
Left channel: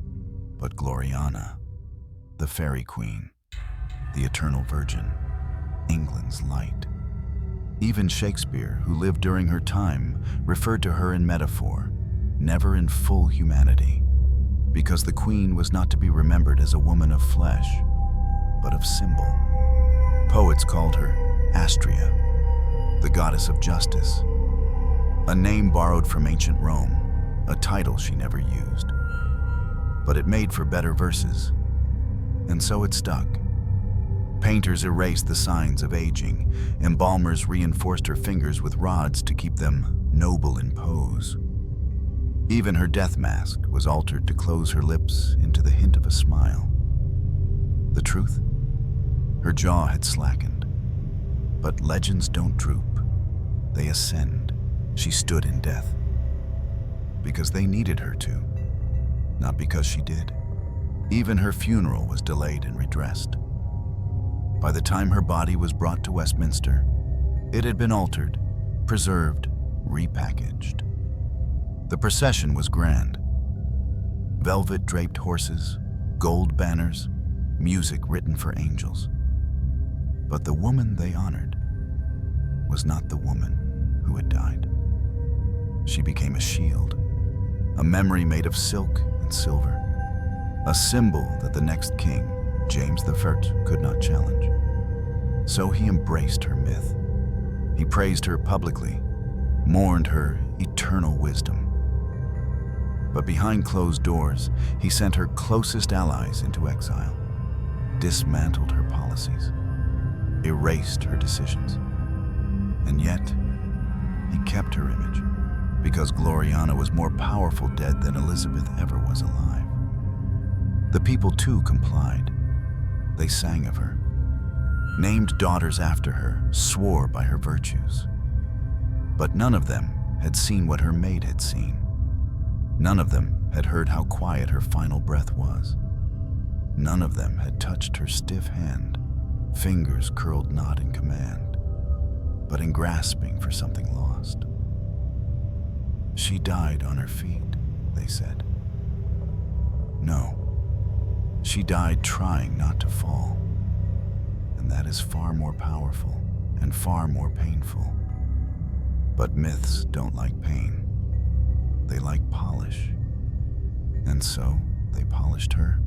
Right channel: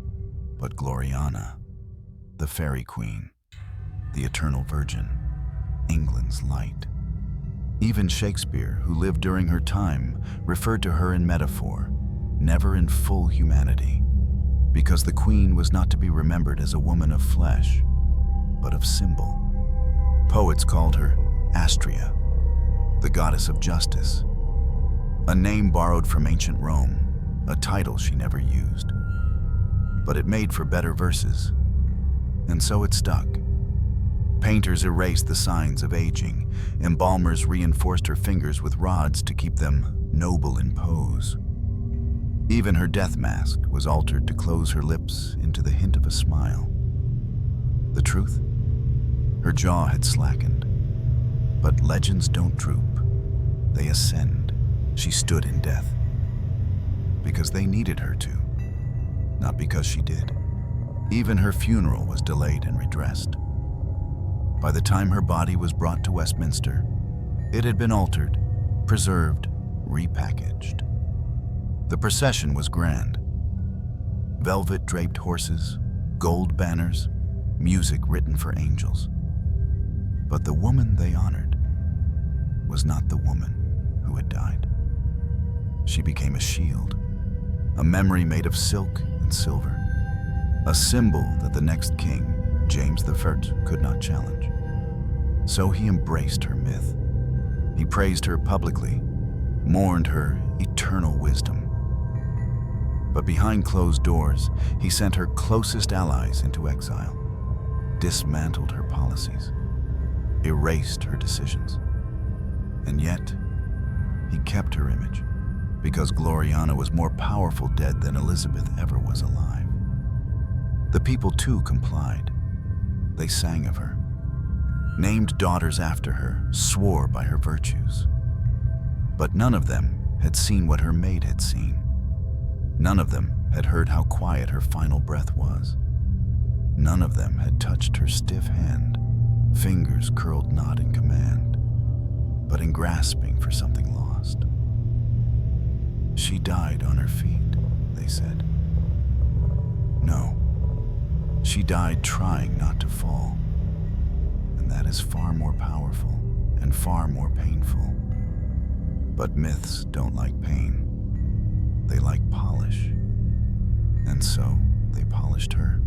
but Gloriana, the fairy queen, the eternal virgin, England's light. Even Shakespeare, who lived during her time, referred to her in metaphor, never in full humanity, because the queen was not to be remembered as a woman of flesh, but of symbol. Poets called her Astrea, the goddess of justice, a name borrowed from ancient Rome, a title she never used. But it made for better verses, and so it stuck. Painters erased the signs of aging, embalmers reinforced her fingers with rods to keep them noble in pose. Even her death mask was altered to close her lips into the hint of a smile. The truth? Her jaw had slackened. But legends don't droop, they ascend. She stood in death. Because they needed her to, not because she did. Even her funeral was delayed and redressed. By the time her body was brought to Westminster, it had been altered, preserved, repackaged. The procession was grand. Velvet-draped horses, gold banners, music written for angels. But the woman they honored was not the woman who had died. She became a shield, a memory made of silk and silver, a symbol that the next king, James I, could not challenge. So he embraced her myth. He praised her publicly, mourned her eternal wisdom. But behind closed doors, he sent her closest allies into exile, dismantled her policies, erased her decisions. And yet, he kept her image, because Gloriana was more powerful dead than Elizabeth ever was alive. The people too complied. They sang of her, named daughters after her, swore by her virtues. But none of them had seen what her maid had seen. None of them had heard how quiet her final breath was. None of them had touched her stiff hand, fingers curled not in command, but in grasping for something lost. She died on her feet, they said. No, she died trying not to fall. And that is far more powerful and far more painful. But myths don't like pain. They like polish. And so they polished her,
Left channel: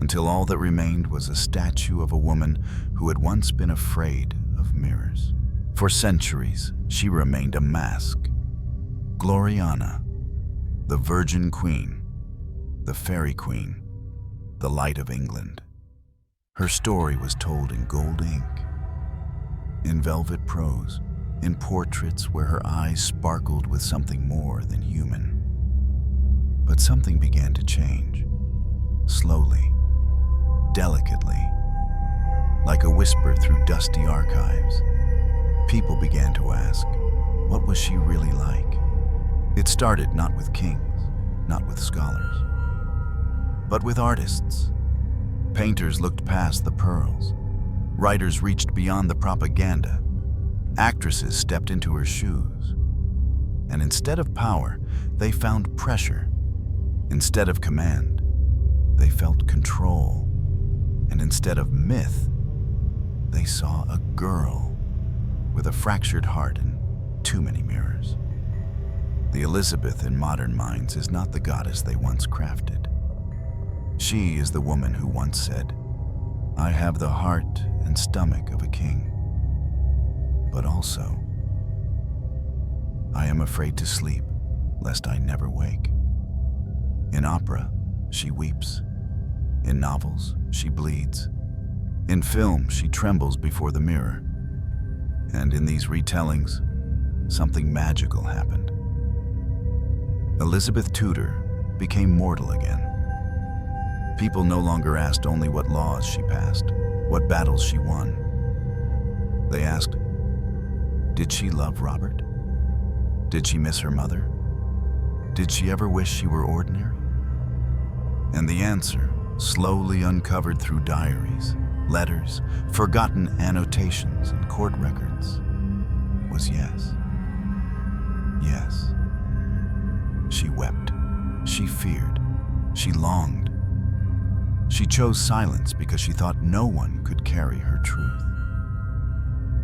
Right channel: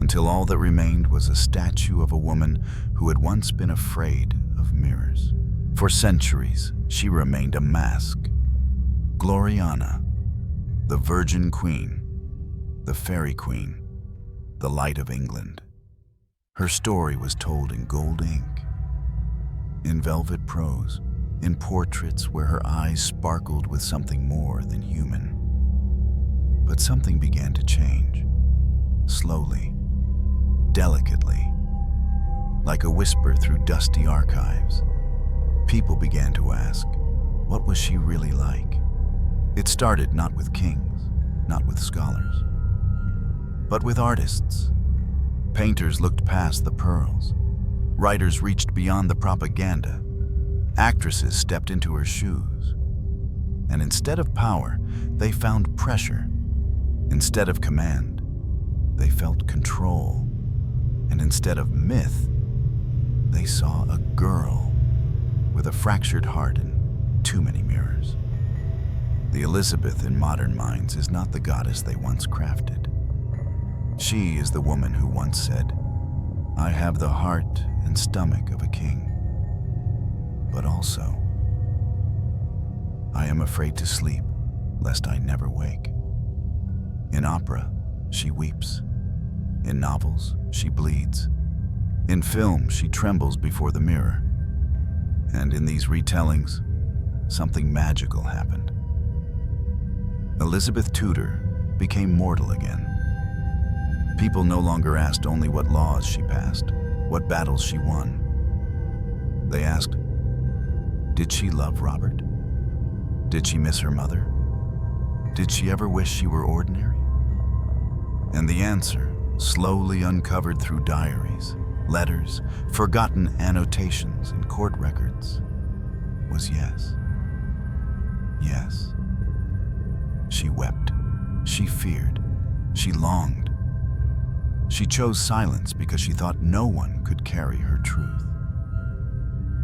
until all that remained was a statue of a woman who had once been afraid of mirrors. For centuries, she remained a mask. Gloriana, the Virgin Queen, the Fairy Queen, the Light of England. Her story was told in gold ink, in velvet prose, in portraits where her eyes sparkled with something more than human. But something began to change, slowly, delicately, like a whisper through dusty archives. People began to ask, what was she really like? It started not with kings, not with scholars, but with artists. Painters looked past the pearls. Writers reached beyond the propaganda. Actresses stepped into her shoes. And instead of power, they found pressure. Instead of command, they felt control. And instead of myth, they saw a girl with a fractured heart and too many mirrors. The Elizabeth in modern minds is not the goddess they once crafted. She is the woman who once said, I have the heart and stomach of a king, but also, I am afraid to sleep, lest I never wake. In opera, she weeps. In novels, she bleeds. In film, she trembles before the mirror. And in these retellings, something magical happened. Elizabeth Tudor became mortal again. People no longer asked only what laws she passed, what battles she won. They asked, did she love Robert? Did she miss her mother? Did she ever wish she were ordinary? And the answer, slowly uncovered through diaries, letters, forgotten annotations, and court records, was yes. Yes. She wept. She feared. She longed. She chose silence because she thought no one could carry her truth.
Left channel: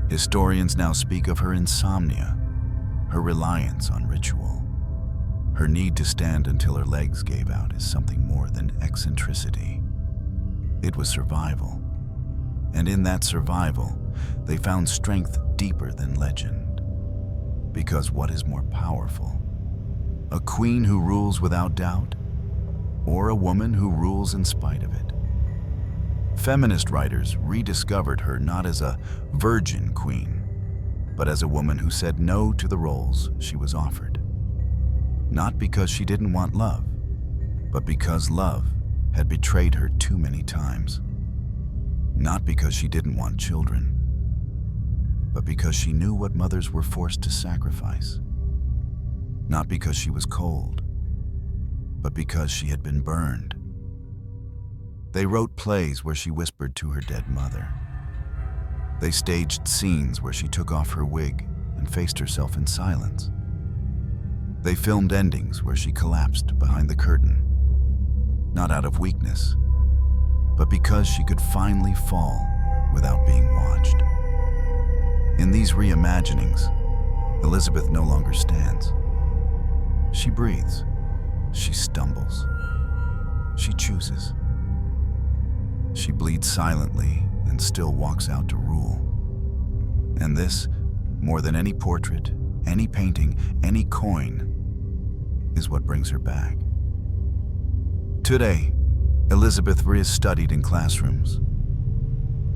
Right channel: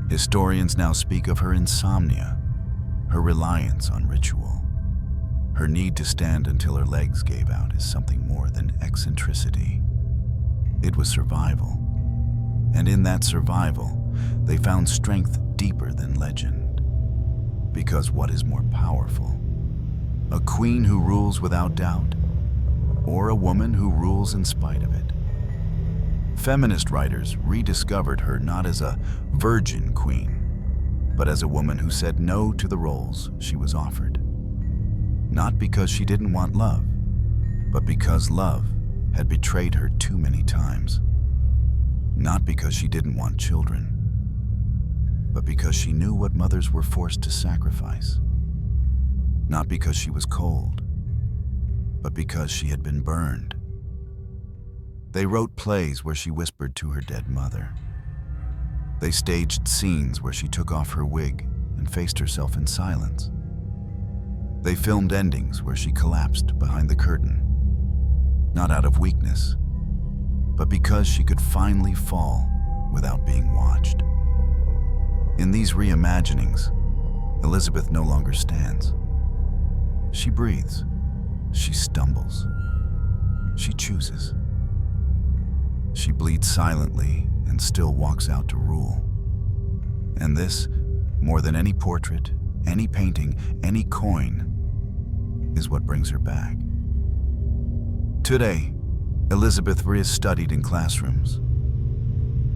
Historians now speak of her insomnia, her reliance on ritual. Her need to stand until her legs gave out is something more than eccentricity. It was survival. And in that survival, they found strength deeper than legend. Because what is more powerful? A queen who rules without doubt, or a woman who rules in spite of it? Feminist writers rediscovered her not as a virgin queen, but as a woman who said no to the roles she was offered. Not because she didn't want love, but because love had betrayed her too many times. Not because she didn't want children, but because she knew what mothers were forced to sacrifice. Not because she was cold, but because she had been burned. They wrote plays where she whispered to her dead mother. They staged scenes where she took off her wig and faced herself in silence. They filmed endings where she collapsed behind the curtain, not out of weakness, but because she could finally fall without being watched. In these reimaginings, Elizabeth no longer stands. She breathes. She stumbles. She chooses. She bleeds silently and still walks out to rule. And this, more than any portrait, any painting, any coin, is what brings her back. Today, Elizabeth is studied in classrooms,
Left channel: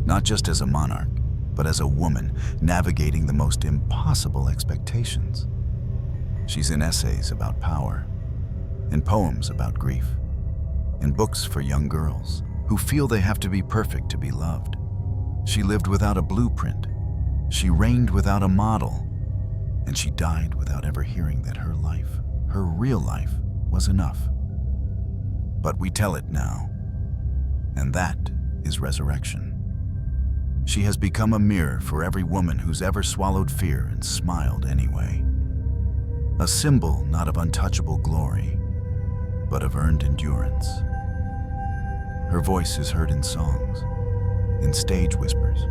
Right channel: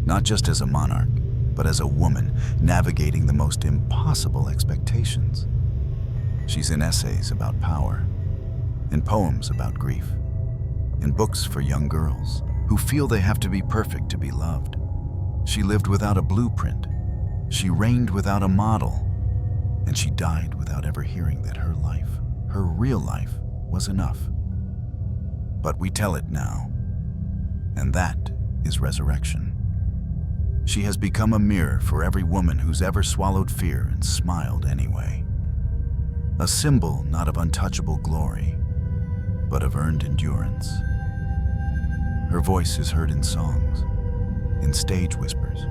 not just as a monarch, but as a woman navigating the most impossible expectations. She's in essays about power, in poems about grief, in books for young girls who feel they have to be perfect to be loved. She lived without a blueprint. She reigned without a model. And she died without ever hearing that her life, her real life, was enough. But we tell it now, and that is resurrection. She has become a mirror for every woman who's ever swallowed fear and smiled anyway. A symbol not of untouchable glory, but of earned endurance. Her voice is heard in songs, in stage whispers,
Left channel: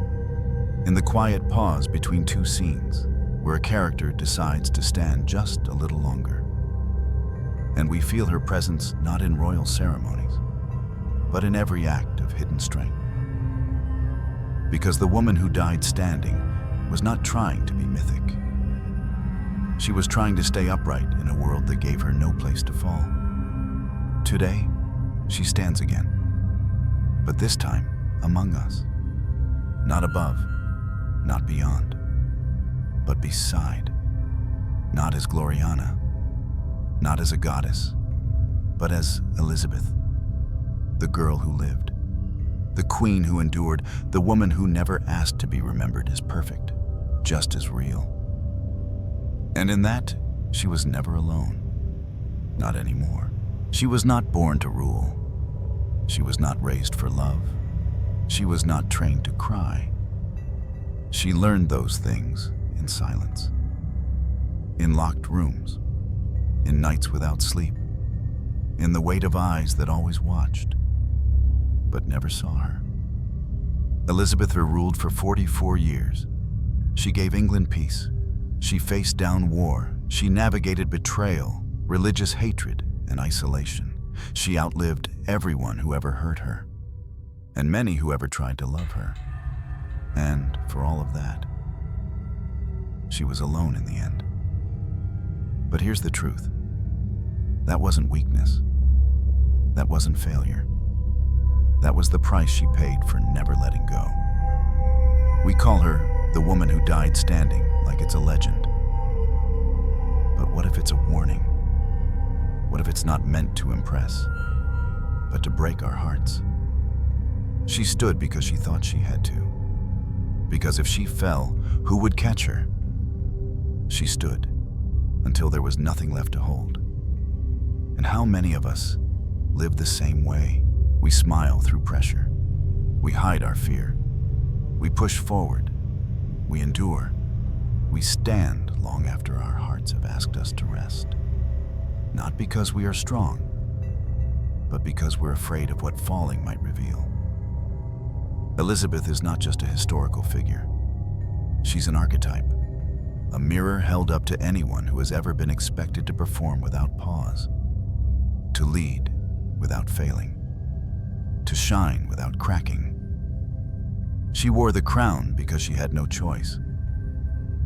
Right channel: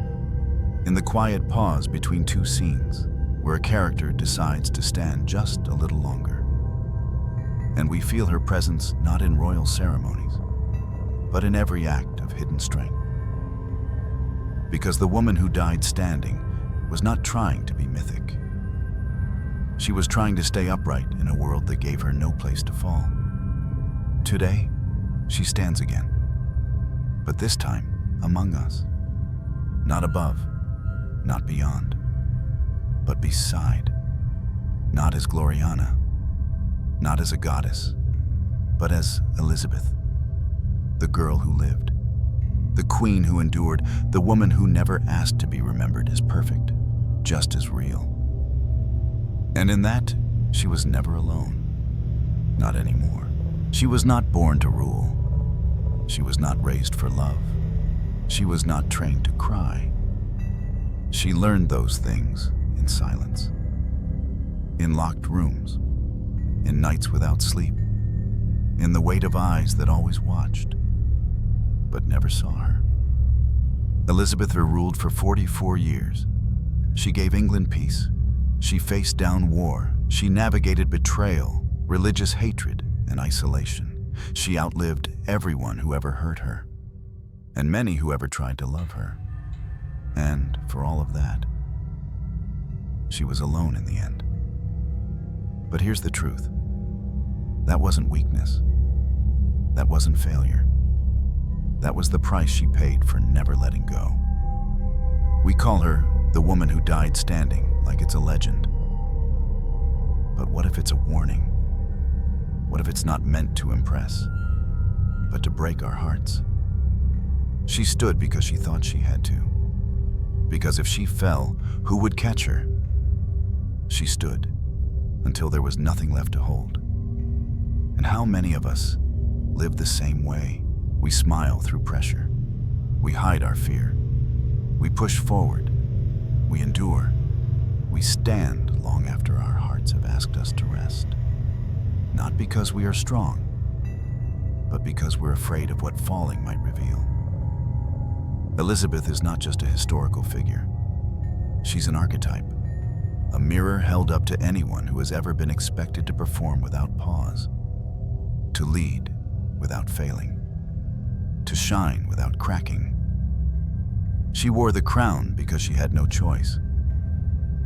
in the quiet pause between two scenes where a character decides to stand just a little longer. And we feel her presence not in royal ceremonies, but in every act of hidden strength. Because the woman who died standing was not trying to be mythic. She was trying to stay upright in a world that gave her no place to fall. Today, she stands again. But this time, among us. Not above, not beyond, but beside. Not as Gloriana, not as a goddess, but as Elizabeth, the girl who lived, the queen who endured, the woman who never asked to be remembered as perfect, just as real. And in that, she was never alone. Not anymore. She was not born to rule. She was not raised for love. She was not trained to cry. She learned those things in silence, in locked rooms, in nights without sleep, in the weight of eyes that always watched, but never saw her. Elizabeth ruled for 44 years. She gave England peace. She faced down war. She navigated betrayal, religious hatred, and isolation. She outlived everyone who ever hurt her, and many who ever tried to love her. And for all of that, she was alone in the end. But here's the truth. That wasn't weakness. That wasn't failure. That was the price she paid for never letting go. We call her the woman who died standing, like it's a legend. But what if it's a warning? What if it's not meant to impress, but to break our hearts? She stood because she thought she had to. Because if she fell, who would catch her? She stood until there was nothing left to hold. And how many of us live the same way? We smile through pressure. We hide our fear. We push forward. We endure. We stand long after our hearts have asked us to rest. Not because we are strong, but because we're afraid of what falling might reveal. Elizabeth is not just a historical figure. She's an archetype, a mirror held up to anyone who has ever been expected to perform without pause, to lead without failing, to shine without cracking. She wore the crown because she had no choice,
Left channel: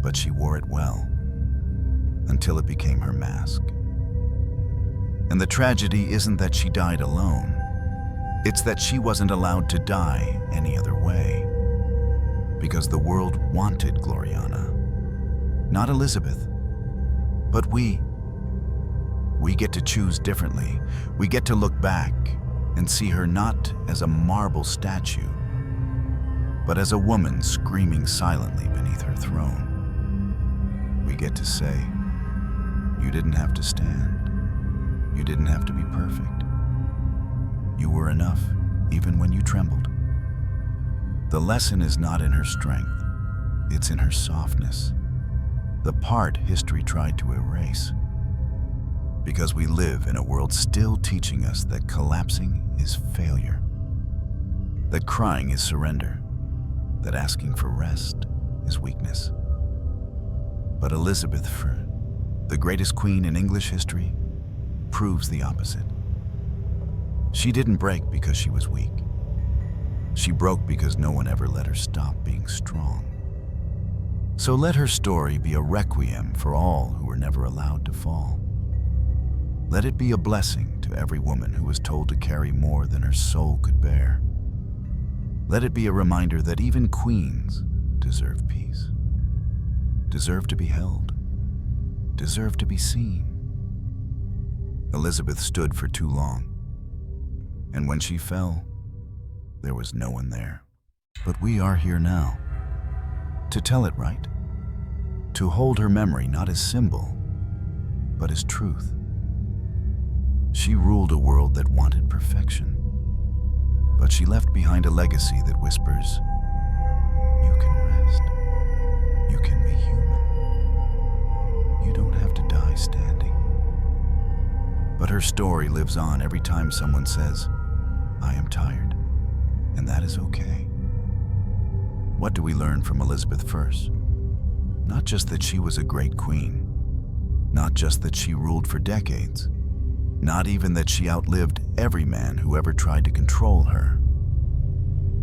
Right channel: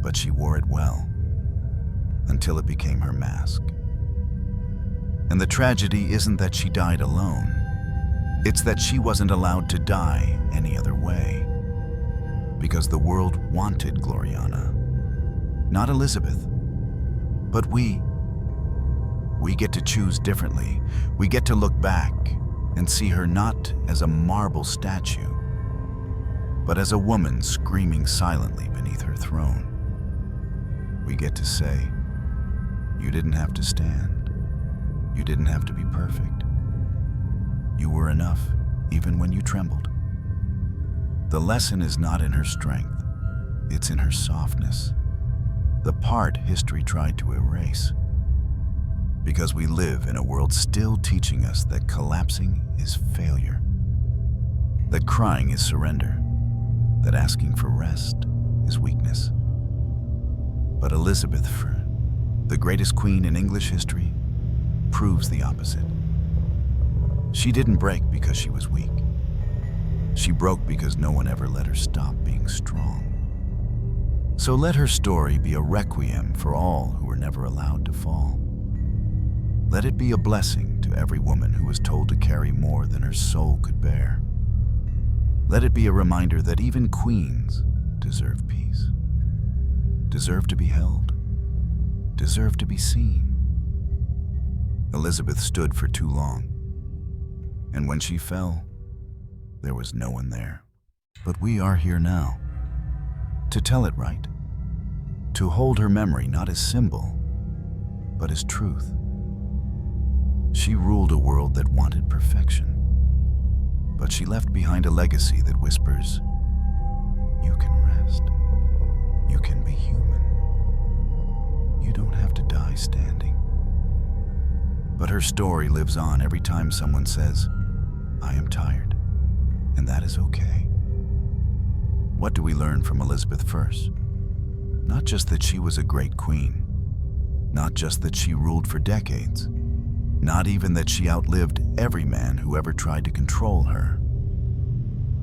but she wore it well, until it became her mask. And the tragedy isn't that she died alone. It's that she wasn't allowed to die any other way. Because the world wanted Gloriana, not Elizabeth, but we. We get to choose differently. We get to look back and see her not as a marble statue, but as a woman screaming silently beneath her throne. We get to say, you didn't have to stand. You didn't have to be perfect. You were enough, even when you trembled. The lesson is not in her strength, it's in her softness, the part history tried to erase. Because we live in a world still teaching us that collapsing is failure, that crying is surrender, that asking for rest is weakness. But Elizabeth, the greatest queen in English history, proves the opposite. She didn't break because she was weak. She broke because no one ever let her stop being strong. So let her story be a requiem for all who were never allowed to fall. Let it be a blessing to every woman who was told to carry more than her soul could bear. Let it be a reminder that even queens deserve peace, deserve to be held, deserve to be seen. Elizabeth stood for too long, and when she fell, there was no one there. But we are here now, to tell it right, to hold her memory not as symbol, but as truth. She ruled a world that wanted perfection, but she left behind a legacy that whispers, you can rest, you can be human, you don't have to die standing. But her story lives on every time someone says, I am tired, and that is okay. What do we learn from Elizabeth I? Not just that she was a great queen, not just that she ruled for decades, not even that she outlived every man who ever tried to control her.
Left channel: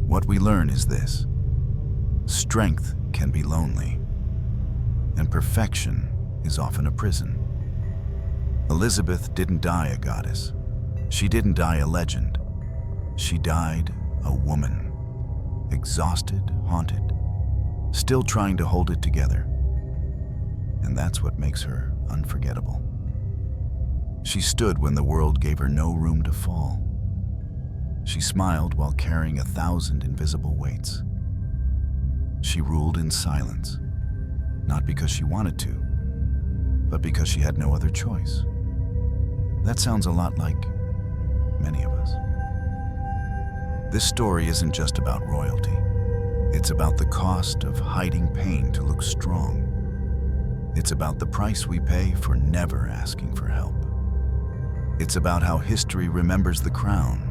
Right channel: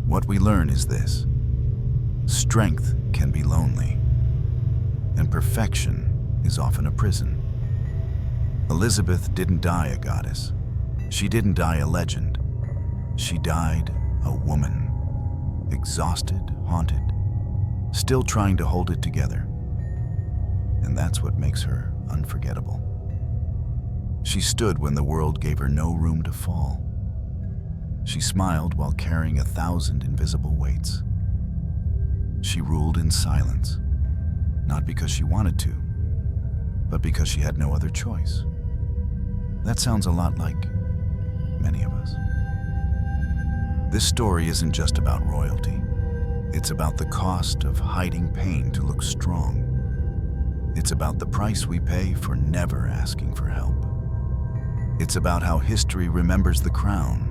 What we learn is this: strength can be lonely, and perfection is often a prison. Elizabeth didn't die a goddess. She didn't die a legend. She died a woman, exhausted, haunted, still trying to hold it together. And that's what makes her unforgettable. She stood when the world gave her no room to fall. She smiled while carrying 1,000 invisible weights. She ruled in silence, not because she wanted to, but because she had no other choice. That sounds a lot like many of us. This story isn't just about royalty. It's about the cost of hiding pain to look strong. It's about the price we pay for never asking for help. It's about how history remembers the crown,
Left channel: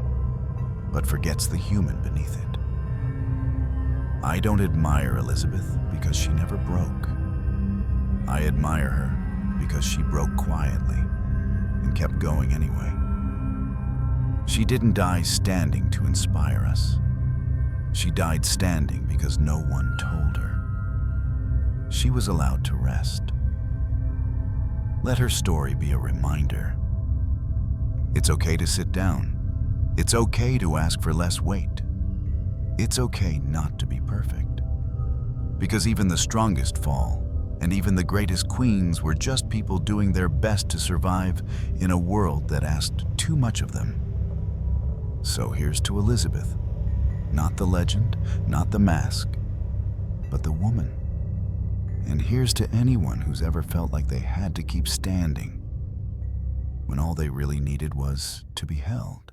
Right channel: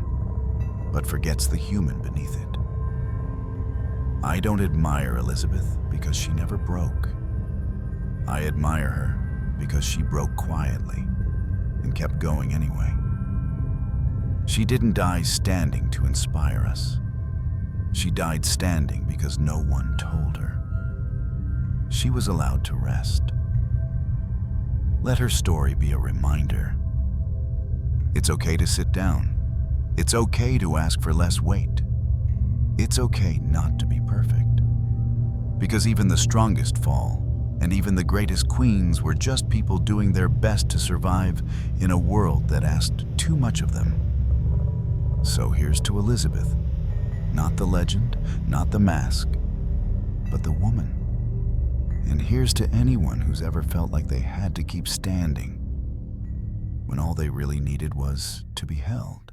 but forgets the human beneath it. I don't admire Elizabeth because she never broke. I admire her because she broke quietly and kept going anyway. She didn't die standing to inspire us. She died standing because no one told her. She was allowed to rest. Let her story be a reminder. It's okay to sit down. It's okay to ask for less weight. It's okay not to be perfect. Because even the strongest fall, and even the greatest queens were just people doing their best to survive in a world that asked too much of them. So here's to Elizabeth. Not the legend, not the mask, but the woman. And here's to anyone who's ever felt like they had to keep standing when all they really needed was to be held.